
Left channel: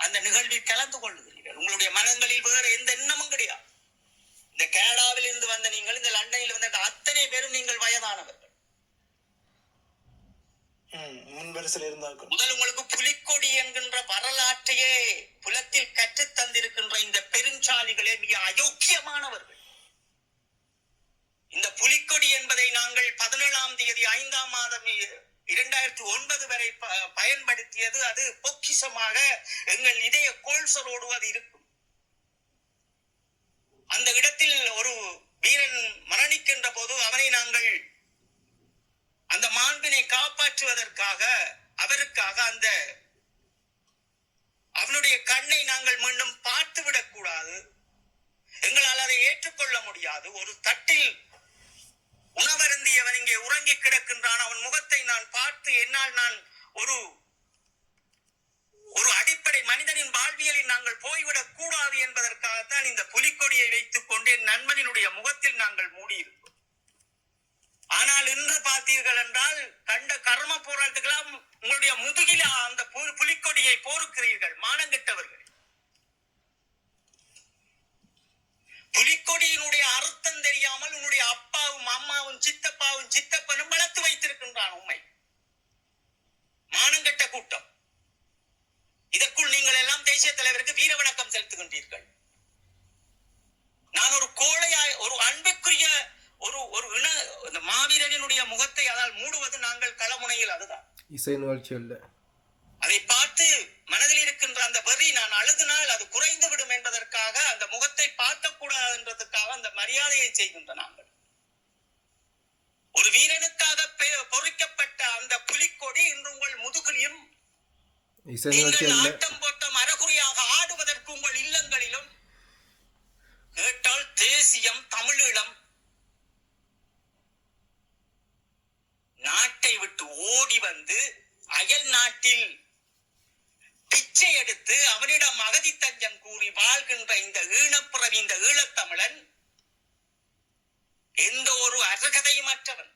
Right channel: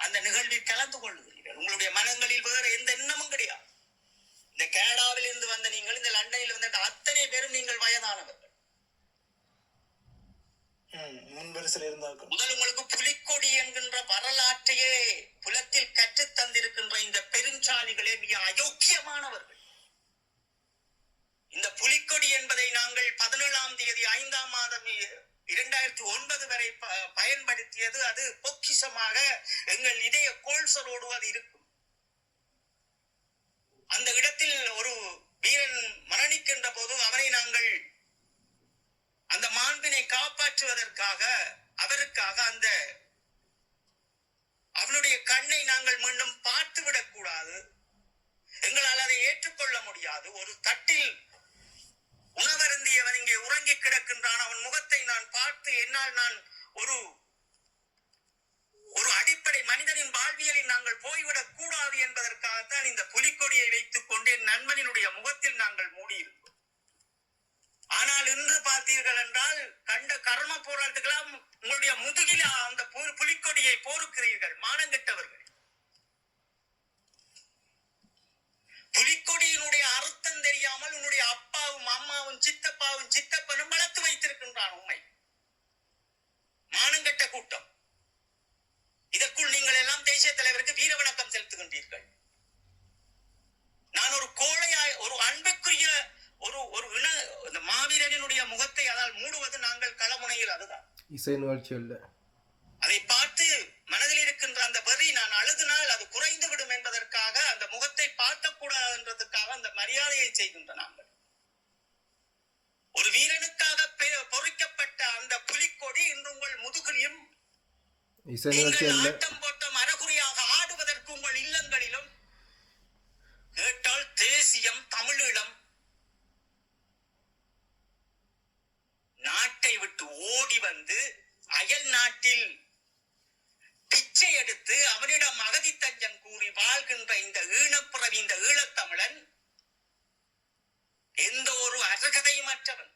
அந்த நிகழ்வில் கலந்து கொள்ளுகிறீர்கள். உங்களுடைய மனங்களில் வேறு எந்த எண்ணமும் கிடையாது. இந்த கனடாவில் இருந்து வந்த நீங்கள், இந்த லண்டனில் வந்த அத்தனை பேரும் நீங்கள் வயதானவர்கள். முதல் உங்களுக்கு புலிக்கொடி என்கின்ற வரலாற்றையே புலத்தில் கற்றுத் தந்திருக்கின்ற இந்த பெருஞ்சாலிகளே மிக அயோக்கியமானவர்கள். இந்த புலிக்கொடி என்பதை நாங்கள் 17ஆம் தேதி 5ஆம் மாதம் 2009 வரை பயன்படுத்தியது. அது பொக்கிஷமாக எங்கள் இதய கோல்சரோடு அது இருக்கும். அந்த இடத்தில் ஒரு வீரன் மரணிக்கின்ற போது அவனை நாங்கள் அந்த மாண்பினை காப்பாற்றுவதற்காக அவருக்காக அந்த அவனுடைய கண்ணை நாங்கள் மீண்டும் பார்த்துவிடக் கூடாது, எங்களால் அதை ஏற்றுக்கொள்ள முடியாது. ஒரு தட்டில் உணவருந்தியவன் இங்கே உறங்கி கிடக்கின்றான், அவன் முகத்தை நான் பார்த்து என்னால் நான் ஒரு ஒரு அடிப்படை மனிதனின் வாழ்வியலில் நாங்கள் போய்விடக் கூடாது என்பதற்காகத்தான் இந்த புலிக்கொடியை வைத்துக் கொண்டு என் நண்பனினுடைய முகத்தில் நாங்கள் மூடியிருக்கோம். ஆனால் இன்று பார்த்தீர்கள் என்றால் கண்ட கர்ம போராட்டத்துக்கெல்லாம் உங்களுடைய முதுகில அந்த புலிக்கொடியை போருக்கிறீர்கள். மானங்கெட்டவர்கள். புலிக்கொடியினுடைய அர்த்தம் தெரியாமல் உன்னுடைய அப்பாவும் அம்மாவும் சித்தப்பாவும் சித்தப்பனும் வளர்த்து வைத்திருக்கின்றான் உண்மை. மானங்கெட்ட கூட்டம். இதற்குள் நீங்கள் எல்லாம் தேசிய தலைவருக்கு வீர வணக்கம் செலுத்துகின்றீர்கள். நான் ஒரு கோழையாய், ஒரு அன்புக்குரிய ஒரு இந்த மாவீரனுடைய முகத்தை அதால் மூடுவது நாங்கள் களமுனையில். அதுதான் இசை நிகழ்ச்சி அல்ல. அதை பார்த்து மனதில் இருக்கின்ற அந்த வரி நான் அழுதினால் அது குறைந்து விடும் என்பதற்காக அந்த முகத்தை பார்க்க கூடாது என்றதுக்காக அந்த மரியாதையை செய்கின்ற நாங்கள். ஒரு வீரனுக்காக பொறிக்கப்பட்ட அந்த புலிக்கொடி இன்று உங்கள் முதுகிலும் ஆட்டம் போட்டம் அறகுறையாக ஆடுவதற்கு உங்கள் இல்லங்களிலும் கேட்டால் தேசியம் தமிழீழம் நாட்டை விட்டு ஓடி வந்து அயல் நாட்டில் பிச்சை எடுத்து அவனிடம் அகதி தஞ்சம் கூறி வாழ்கின்ற இந்த ஈழப்பிறவி, இந்த ஈழத்தமிழன் எந்த ஒரு அருகதையுமற்றவன்,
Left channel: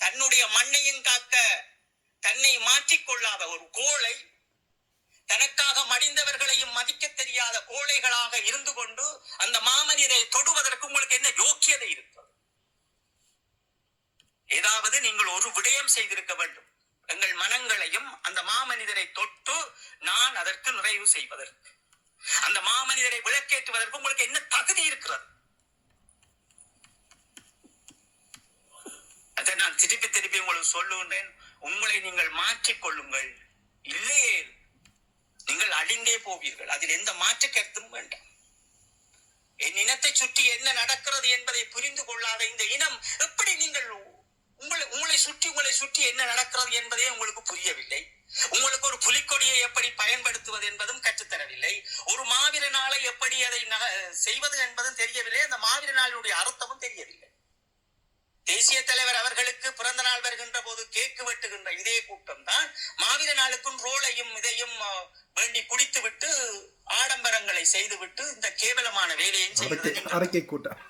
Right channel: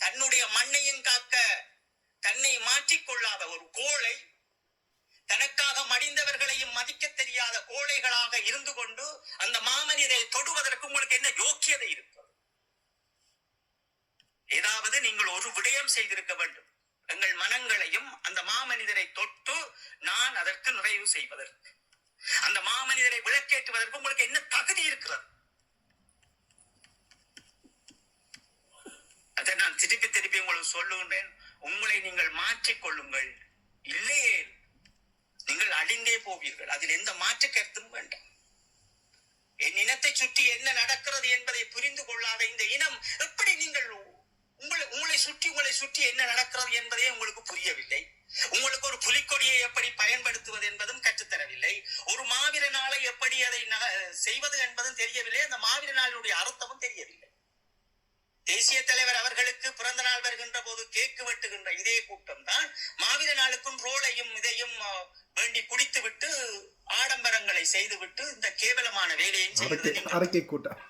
தன்னுடைய மண்ணையும் காக்க தன்னை மாற்றிக்கொள்ளாத ஒரு கோழை, தனக்காக மடிந்தவர்களையும் மதிக்க தெரியாத கோழைகளாக இருந்து கொண்டு அந்த மாமனிதை தொடுவதற்கு உங்களுக்கு என்ன யோக்கியதை இருக்கிறது? ஏதாவது நீங்கள் ஒரு விடயம் செய்திருக்க வேண்டும். எங்கள் மனங்களையும் அந்த மாமனிதரை தொட்டு நான் அதற்கு நிறைவு செய்வதற்கு, அந்த மாமனிதரை விளக்கேற்றுவதற்கு உங்களுக்கு என்ன தகுதி இருக்கிறது? அதை நான் திருப்பி உங்களுக்கு சொல்லுகின்றேன், உங்களை நீங்கள் மாற்றிக் கொள்ளுங்கள். இல்லையே நீங்கள் அழிந்தே போவீர்கள். அதில் எந்த மாற்று கருத்தும் வேண்டாம். என் இனத்தை சுற்றி என்ன நடக்கிறது என்பதை புரிந்து கொள்ளாத இந்த இனம் எப்படி நீங்கள் உங்களை சுற்றி என்ன நடக்கிறது என்பதே உங்களுக்கு புரியவில்லை. உங்களுக்கு ஒரு புலிக்கொடியை எப்படி பயன்படுத்துவது என்பதும் கற்றுத்தரவில்லை. ஒரு மாவீர நாளை எப்படி அதை செய்வது என்பதும் தெரியவில்லை. அந்த மாவீர நாளுடைய அர்த்தமும் தெரியவில்லை. தேசிய தலைவர் அவர்களுக்கு பிறந்த நாள் வருகின்ற போது கேக்கு வெட்டுகின்ற இதே கூட்டம் தான் மாவீர நாளுக்கும் ரோலையும் இதையும் வேண்டி குடித்து விட்டு ஆடம்பரங்களை செய்துவிட்டு இந்த கேவலமான வேலையை அறிக்கை கூட்டம்.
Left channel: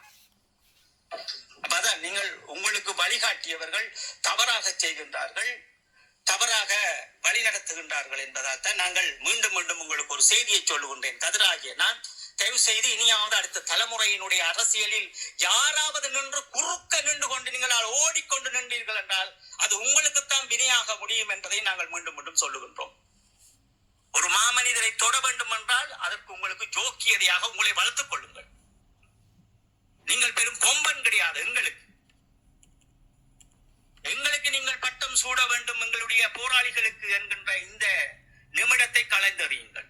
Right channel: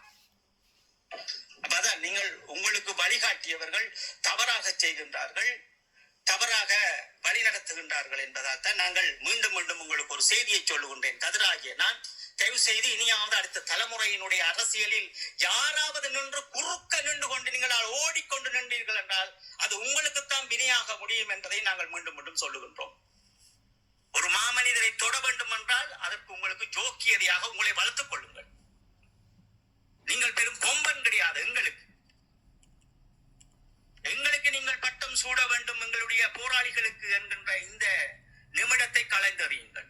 அப்பதான் நீங்கள் உங்களுக்கு வழிகாட்டியவர்கள் தவறாக செய்கின்றார்கள், தவறாக வழி நடத்துகின்றார்கள் என்பதால் தான் நாங்கள் மீண்டும் மீண்டும் உங்களுக்கு ஒரு செய்தியை சொல்லுகின்றேன். கதிராகிய நான் தயவு செய்து இனியாவது அடுத்த தலைமுறையினுடைய அரசியலில் யாராவது நின்று குறுக்க நின்று கொண்டு நீங்கள் ஓடிக்கொண்டு நின்றீர்கள் என்றால் அது உங்களுக்குத்தான் வினையாக முடியும் என்பதை நாங்கள் மீண்டும் மீண்டும் சொல்லுகின்றோம். ஒரு மாமனிதரை தொட வேண்டும் என்றால் அதற்கு உங்களுக்கு ஜோக்கியதையாக உங்களை வளர்த்துக் கொள்ளுங்கள். நீங்கள் பெரும் கொம்பன் கிடையாது. எங்களுக்கு நீங்கள் பட்டம் சூட வேண்டும் எங்களுடைய போராளிகளுக்கு என்கின்ற இந்த நிமிடத்தை கலைந்தறியுங்கள்.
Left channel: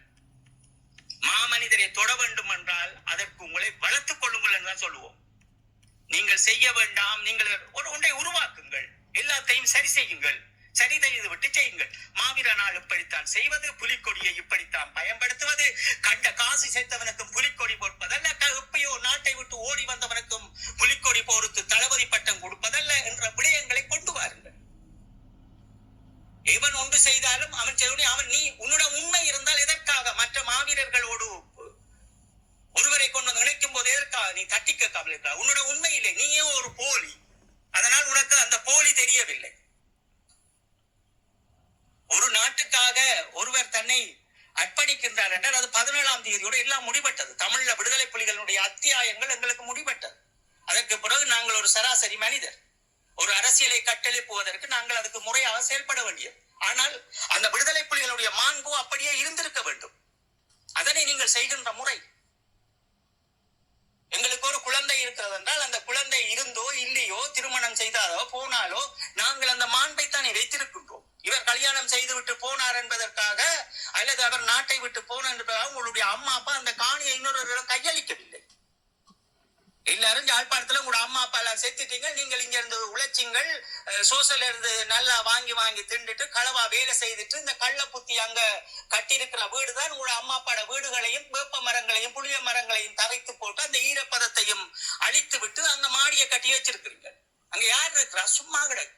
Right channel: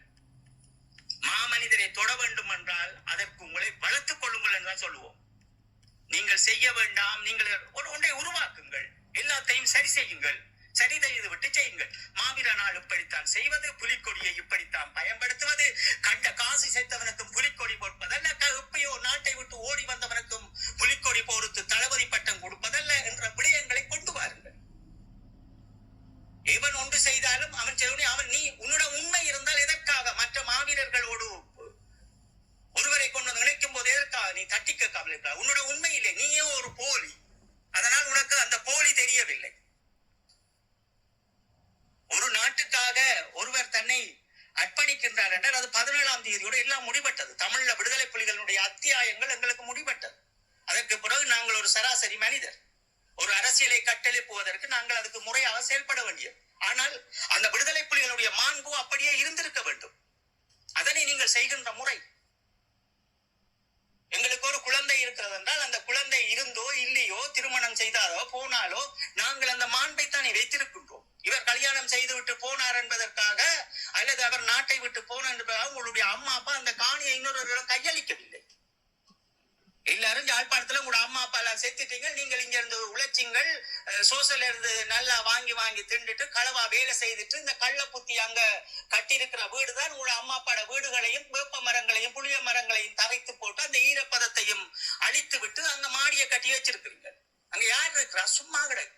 மாமனிதரை தொட வேண்டும் என்றால் அதற்கு உங்களை வளர்த்துக் கொள்ளுங்கள் என்றுதான் சொல்லுவோம். நீங்கள் செய்ய வேண்டாம், நீங்கள் ஒன்றை உருவாக்குங்கள், எல்லாத்தையும் சரி செய்யுங்கள், சரி செய்து விட்டு செய்யுங்கள். மாவீர நாள் இப்படித்தான் செய்வது, புலிக்கொடியை இப்படித்தான் பயன்படுத்துவது, கண்ட காசு சேர்த்தவனுக்கும் புலிக்கொடி பொறுப்பதல்ல, எப்பயோ நாட்டை விட்டு ஓடி வந்தவனுக்கும் புலிக்கொடி பொறுத்து தளபதி பட்டம் கொடுப்பதல்ல என்ற விடயங்களை கொண்டு வாருங்கள். எவன் ஒன்று செய்தாலும் அவன் நீ உன்னோட உண்மை இருந்தால் எதற்காக மற்ற மாவீரர்களோடு ஒருவரை கொண்டு வந்து நினைக்கும் போது எதற்காக நீ தட்டிக்க கவலை? உன்னோட உண்மையிலே நீயே ஒரு போலி, அதனால் உனக்கு அந்த போலி தெரியவில்லை. ஒரு நாட்டுக்காக ஒருவர் தன்னை அர்ப்பணிக்கின்றார் என்றால் அது 17ஆம் தேதியோடு எல்லாம் முடிபட்டது. தமிழ்ல விடுதலை புலிகளுடைய அத்தியாயங்கள் எங்களுக்கு முடிபட்டது. அதற்கு பிறகு நாங்கள் ஒரு சராசரி மனிதர். ஒரு அரசியலை கட்டெழுப்புவதற்கு நாங்கள் அதுக்கு முறையாக செயல்பட வேண்டியது. ஆனால் அந்த விடுதலை புலிகளுடைய மாண்பு அப்படியே இருந்திருக்க வேண்டும். அதனை நீங்கள் செய்கின்ற முறை, எங்களுக்கு ஒரு குழந்தை இருக்கிறது என்றால் அந்த குழந்தை இருந்தோ இல்லையோ, திருமணம் செய்தாலோ போனாலோ நாங்கள் அந்த மாண்பை தானே வைத்திருக்கின்றோம். இவர் கல்யாணம் செய்து விட்டு போனார் என்பதற்காக அல்லது அவர் நாட்டை விட்டு போனார் என்பதற்காக உங்களுடைய அம்மா அப்பா அந்த காணியை இன்னொருவரிடம் கையளிக்கவில்லை. எல்லாரும் யாழ்ப்பாணத்துல உங்களோட அம்மா அப்பா எல்லாம் செத்துட்டீங்க, நீங்கள் இங்க இருந்து உழைச்சிங்கள், சோசல இருந்து நல்லா வாங்கி திண்டுட்டு களவா வேலை செய்துட்டு இந்த கள்ள புத்தி அங்க கட்டியிருக்கிற வீடுதான் உங்களோட அம்மா அப்பாட வீடுகளையும் வேப்ப மரங்களையும் புளிய மரங்களையும் தரைத்து போட்டு அந்த ஈரப்பதத்தையும் அழித்து விட்டு அங்க மாடியை கட்டி வச்சிருக்கிறீங்க. அங்க யார் இருக்கிறா? சும்மா கிடையாது.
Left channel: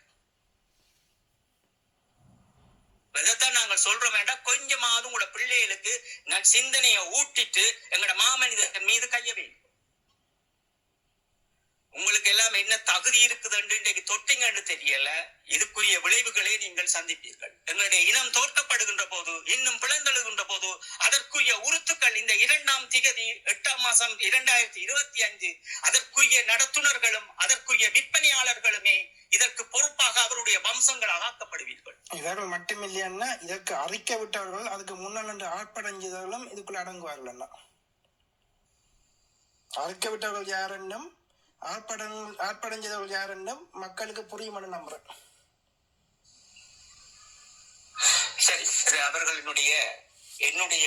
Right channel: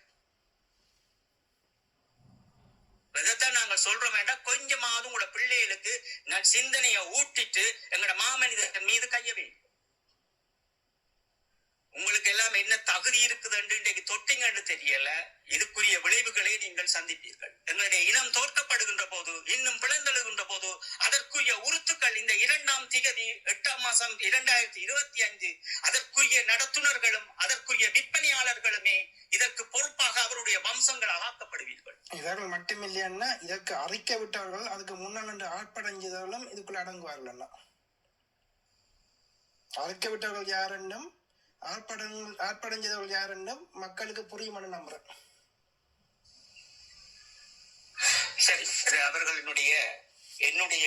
இதைத்தான் நாங்கள் சொல்றோம் வேண்டாம், கொஞ்சமாவது உங்களோட பிள்ளைகளுக்கு நான் சிந்தனையை ஊட்டிட்டு எங்களோட மாமனிதன் மீது கைய வைக்கும். உங்களுக்கு எல்லாம் என்ன தகுதி இருக்குதுன்னு இன்றைக்கு தொட்டிங்கன்னு தெரியல. இதுக்குரிய விளைவுகளை நீங்கள் சந்திப்பீர்கள். எங்களுடைய இனம் தோற்கப்படுகின்ற போது, இன்னும் பிளந்தெழுகின்ற போது அதற்குரிய உறுத்துக்கள் இந்த 2ஆம் திகதி 8ஆம் மாசம் 2025 அதற்குரிய நடத்துனர்களும் அதற்குரிய விற்பனையாளர்களுமே இதற்கு பொறுப்பாக அவருடைய வம்சங்களாக ஆக்கப்படுவீர்கள். இவர்கள் மட்டுமில்லையா, இதற்கு அறிக்கை விட்டவர்கள் அதுக்கு முன்னால் ஆட்படைஞ்சவர்களும் இதுக்குள்ள அடங்குவார்கள். அறிக்கை விட்டவர்கள் யார் என்னும் ஆட்படைஞ்சவர்கள் யார் என்னும் மக்களுக்கு புரியும் நம்புறேன். சரி, அவர்களினுடைய என்னுடைய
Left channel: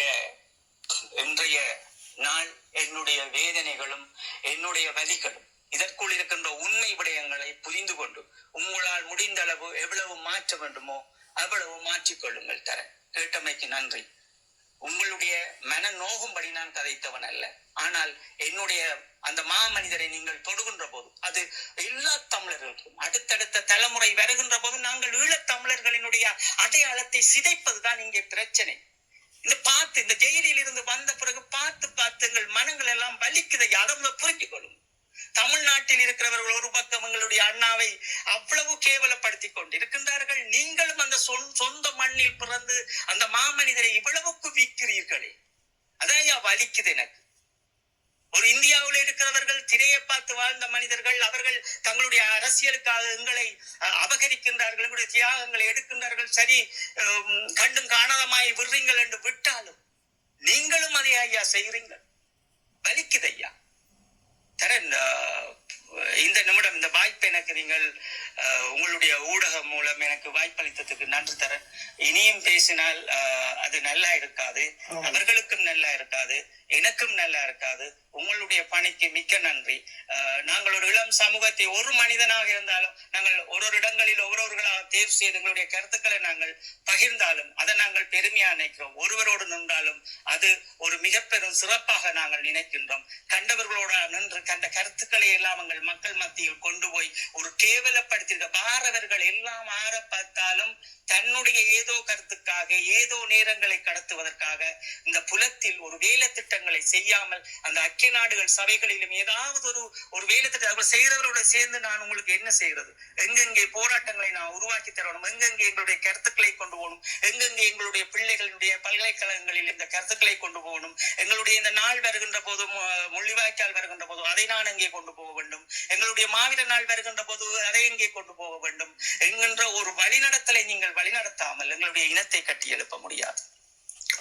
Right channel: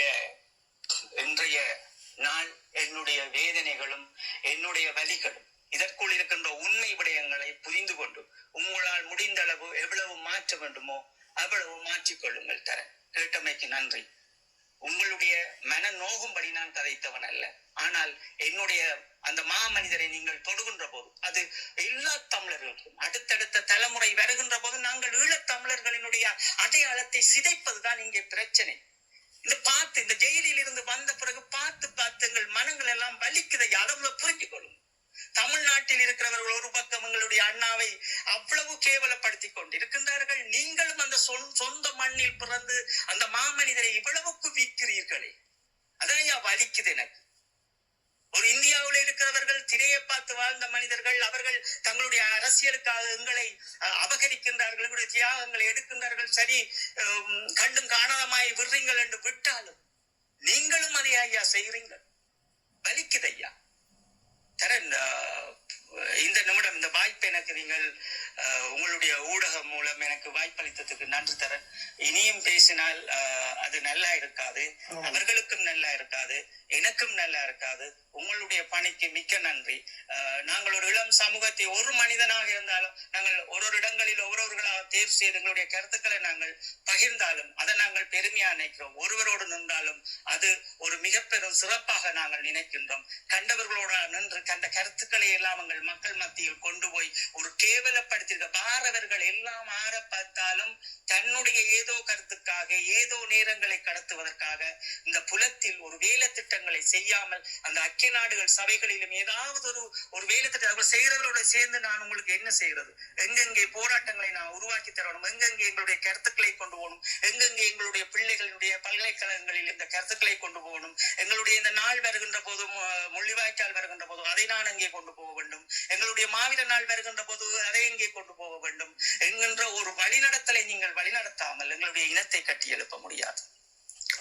இன்றைய நாள் என்னுடைய வேதனைகளும் என்னுடைய வலிகளும் இதற்குள் இருக்கின்ற உண்மை விடயங்களை புரிந்து கொண்டு உங்களால் முடிந்த அளவு எவ்வளவு மாற்ற வேண்டுமோ அவ்வளவு மாற்றிக்கொள்ளுங்கள். கேட்டமைக்கு நன்றி. உங்களுடைய மன நோகும்படி நான் கதைத்தவன் அல்ல. ஆனால் என்னுடைய அந்த மாமனிதரை நீங்கள் தொடுகின்ற போது அது எல்லா தமிழர்களுக்கும் அடுத்தடுத்த தலைமுறை வருகின்ற போது நாங்கள் ஈழத் தமிழர்களினுடைய அடையாளத்தை சிதைப்பதுதான் இங்கே பிரச்சனை. இந்த ஜெயிலில் இருந்து வந்த பிறகு பார்த்து எங்கள் மனங்கள் எல்லாம் வலிக்குதை அளவுல புரிஞ்சுக் கொள்ளும். தமிழ்நாட்டில் இருக்கிறவர்கள் ஒரு பக்கம் எங்களுடைய அண்ணாவை அவ்வளவு கேவலப்படுத்தி கொண்டிருக்கின்றார்கள். நீங்களும் அந்த சொந்த மண்ணில் பிறந்து அந்த மாமனிதரை இவ்வளவுக்கு விற்கிறீர்களே, அதான் வலிக்குது எனக்கு. ஒரு இந்தியாவில் இருக்கிறவர்கள் திரையை பார்த்து வாழ்ந்த மனிதர்கள், அவர்கள் தங்களுடைய அரசியலுக்காக எங்களை அபகரிக்கின்றார்கள், எங்களுடைய தியாகங்களை எடுக்கின்றார்கள். சரி, கண்டும் காணாதமாய் விடுறீங்கள் என்று விட்டாலும் நீங்களும் அதை ஐயா செய்கிறீர்கள். வலிக்குது ஐயா. இந்த நிமிடம் இந்த வாய்ப்பை எனக்கு நீங்கள் உங்களுடைய ஊடகம் மூலம் எனக்கு வாய்ப்பளித்ததுக்கு நன்றி தரேன். இனியும் பேசினால் அது நல்லா இருக்காது, அவர்களுக்கும் நல்லா இருக்காது, எனக்கும் நல்லா இருக்காது. உங்களுடைய பணிக்கு மிக்க நன்றி. நாங்கள் ஒரு இளம் சமூகத்தை ஒரு மனிதனாக இருந்தாலும் நாங்கள் ஒரு இடங்களில் ஒவ்வொருவர்களாக தேர்வு செய்து எங்களுடைய கருத்துக்களை நாங்கள் பகிர்ந்தாலும் அதை நாங்கள் பெருமையா நினைக்கிறோம். ஒருவரோடு நின்றாலும் அது ஒரு மிக பெரும் சிறப்பாக நாங்கள் நினைக்கின்றோம். கண்டவர்களோட நின்று கண்ட கருத்துக்களை எல்லாம் எங்கள் மக்கள் மத்தியில் கொண்டு போய் ஒரு கேவலப்படுத்திருக்க பாரவர்கள் எல்லாம் ஆற பார்த்தாலும் தன்னுடைய ஏதோ கருத்துக்காக ஏதோ நேரங்களை கடத்துவதற்காக இந்த புலத்தில் ஒரு வேலை திட்டங்களை செய்யாமல் அந்த ஐக்கிய நாடுகள் சபைகளிலும் ஏதாவது ஒரு வேலை திட்டம் செய்யறவரோட சேர்ந்து நான் உங்களுக்கு என்ன செய்யறது, எங்கெங்கே போராட்டங்களை நான் உருவாக்கி தரணும், எங்கெங்கே எங்களுடைய கருத்துக்களை கொண்டு போகணும், எங்கெங்கே எங்களுடைய பிள்ளைகளுடைய பல்கலைக்கழகங்களில் இந்த கருத்துக்களை கொண்டு போகணும், எங்களுடைய இந்த நாள் வருகின்ற போதும் முள்ளிவாய்க்கால் வருகின்ற போதும் அதை நான் எங்கே கொண்டு போக வேண்டும், எங்களுடைய மாவீர நாள் வருகின்ற போது அதை எங்கே கொண்டு போக வேண்டும் என்கின்ற ஒரு வழிநடத்தலை நீங்கள் வழிநடத்தாமல் எங்களுடைய இனத்தை கட்டி எழுப்ப முடியாது.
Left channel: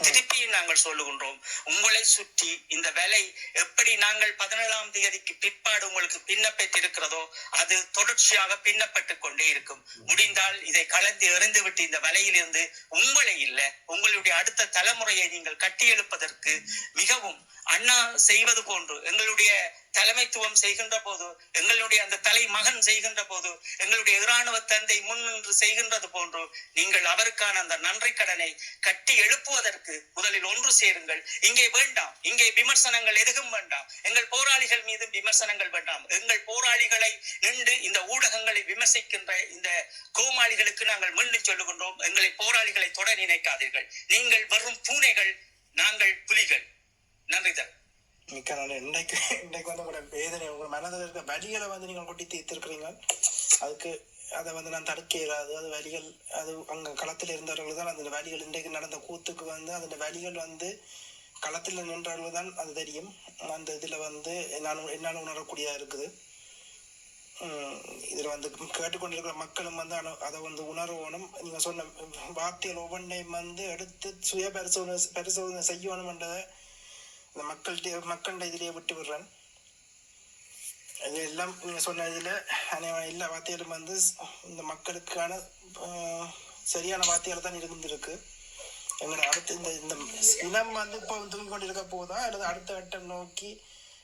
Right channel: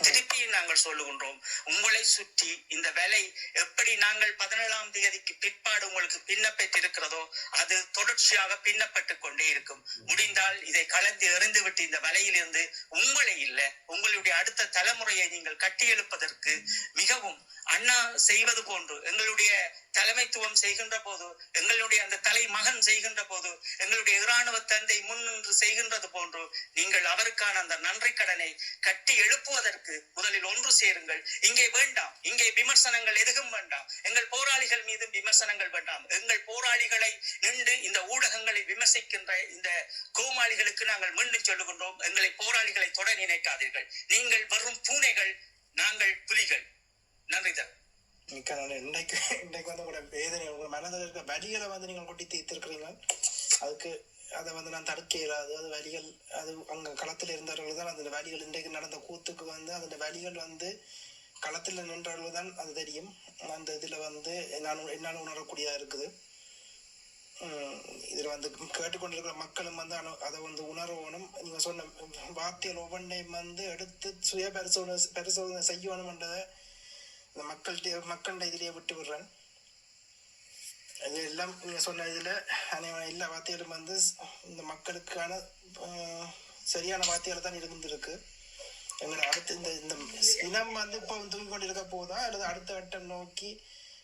திருப்பியும் நாங்கள் சொல்லுகின்றோம், உங்களை சுற்றி இந்த வேலை எப்படி நாங்கள் 17ஆம் தேதிக்கு பிற்பாடு உங்களுக்கு பின்னப்பட்டிருக்கிறதோ அது தொடர்ச்சியாக பின்னப்பட்டுக் கொண்டே இருக்கும். முடிந்தால் இதை கலந்து எறிந்து விட்டு இந்த வலையிலிருந்து உங்களை இல்லை உங்களுடைய அடுத்த தலைமுறையை நீங்கள் கட்டி எழுப்பதற்கு மிகவும் அண்ணா செய்வது போன்று எங்களுடைய தலைமைத்துவம் செய்கின்ற போது, எங்களுடைய அந்த தலை மகன் செய்கின்ற போது, எங்களுடைய இராணுவ தந்தை முன்னின்று செய்கின்றது போன்று நீங்கள் அவருக்கான அந்த நன்றி கடனை கட்டி எழுப்புவதற்கு முதலில் ஒன்று சேருங்கள். இங்கே வேண்டாம், இங்கே விமர்சனங்கள் எதுவும் வேண்டாம், எங்கள் போராளிகள் மீது விமர்சனங்கள் வேண்டாம். எங்கள் போராளிகளை நின்று இந்த ஊடகங்களை விமர்சிக்கின்ற இந்த கோமாளிகளுக்கு நாங்கள் மீண்டும் சொல்லுகின்றோம், எங்களை போராளிகளை தொட நினைக்காதீர்கள். நீங்கள் வரும் பூனைகள், நாங்கள் புலிகள். நன்றி தர மிக்க நல்ல. இன்றைக்கு வந்து உங்களோட வேதனை, உங்கள் மனதில் இருக்க வலிகளை வந்து நீங்கள் கொட்டி தீர்த்திருக்கிறீங்க. அதுக்கு அதை வந்து நான் தடுக்க இயலாது. அது வலிகள், அது அங்கே களத்தில் இருந்தவர்கள் தான் அந்த வலிகள், இன்றைக்கு நடந்த கூத்துக்கு வந்து அந்த வலிகள் வந்து களத்தில் நின்றவர்கள் தான் அது தெரியும். அந்த இதில் வந்து என்னால் உணரக்கூடியதாக இருக்குது. இதில் வந்து கேட்டுக்கொண்டிருக்கிற மக்களும் வந்து அதை வந்து உணர்வணும். நீங்கள் சொன்ன வார்த்தைகள் ஒவ்வொன்றையும் வந்து எடுத்து சுய பரிசோதனை செய்யணும்ன்றதை இந்த மக்கள்கிட்ட இதிலேயே விட்டு விடுறேன். இது எல்லாம் நீங்கள் சொன்ன இதில் எல்லா வார்த்தைகளும் வந்து இந்த மக்களுக்கான சரியான வார்த்தைகள் தான் இருந்திருக்கு. எங்களை அடுத்து இந்த இனம் வந்து இப்போ தூங்கி கொண்டு இருக்க போதா அல்லது அடுத்த கட்டம் நோக்கி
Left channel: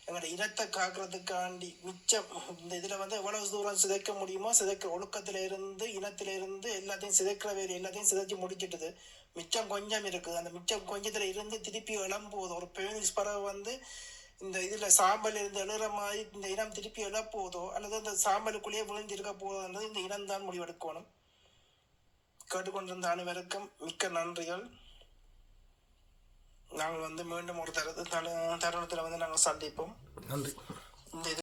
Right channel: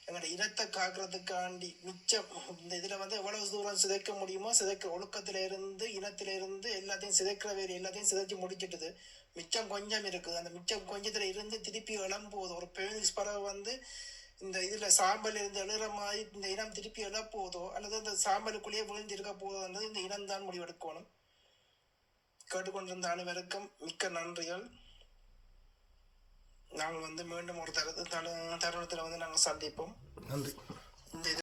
எங்களோட இனத்தை காக்கிறதுக்காண்டி மிச்சம் இந்த இதில் வந்து எவ்வளவு தூரம் சிதைக்க முடியுமோ ஒழுக்கத்தில் இருந்து இனத்தில இருந்து எல்லாத்தையும் சிதைக்கிற வேறு எல்லாத்தையும் சிதைச்சு முடிச்சிட்டுது. மிச்சம் கொஞ்சம் இருக்குது. அந்த மிச்சம் கொஞ்சத்துல இருந்து திருப்பி எழும்போது ஒரு பேனிக்ஸ் பறவை வந்து இந்த இதுல சாம்பல் இருந்து எழுற மாதிரி இந்த இனம் திருப்பி எழப்போதோ அல்லது அந்த சாம்பலுக்குள்ளேயே விழுந்து இருக்க போதோன்றது இந்த இனம் தான் முடிவெடுக்கணும். கேட்டுக்கொண்டிருந்த அனைவருக்கும் மிக்க நன்றிகள். நாங்கள் வந்து மீண்டும் ஒரு தருணத்தில் வந்து நாங்கள் சந்திப்போம். நன்றி.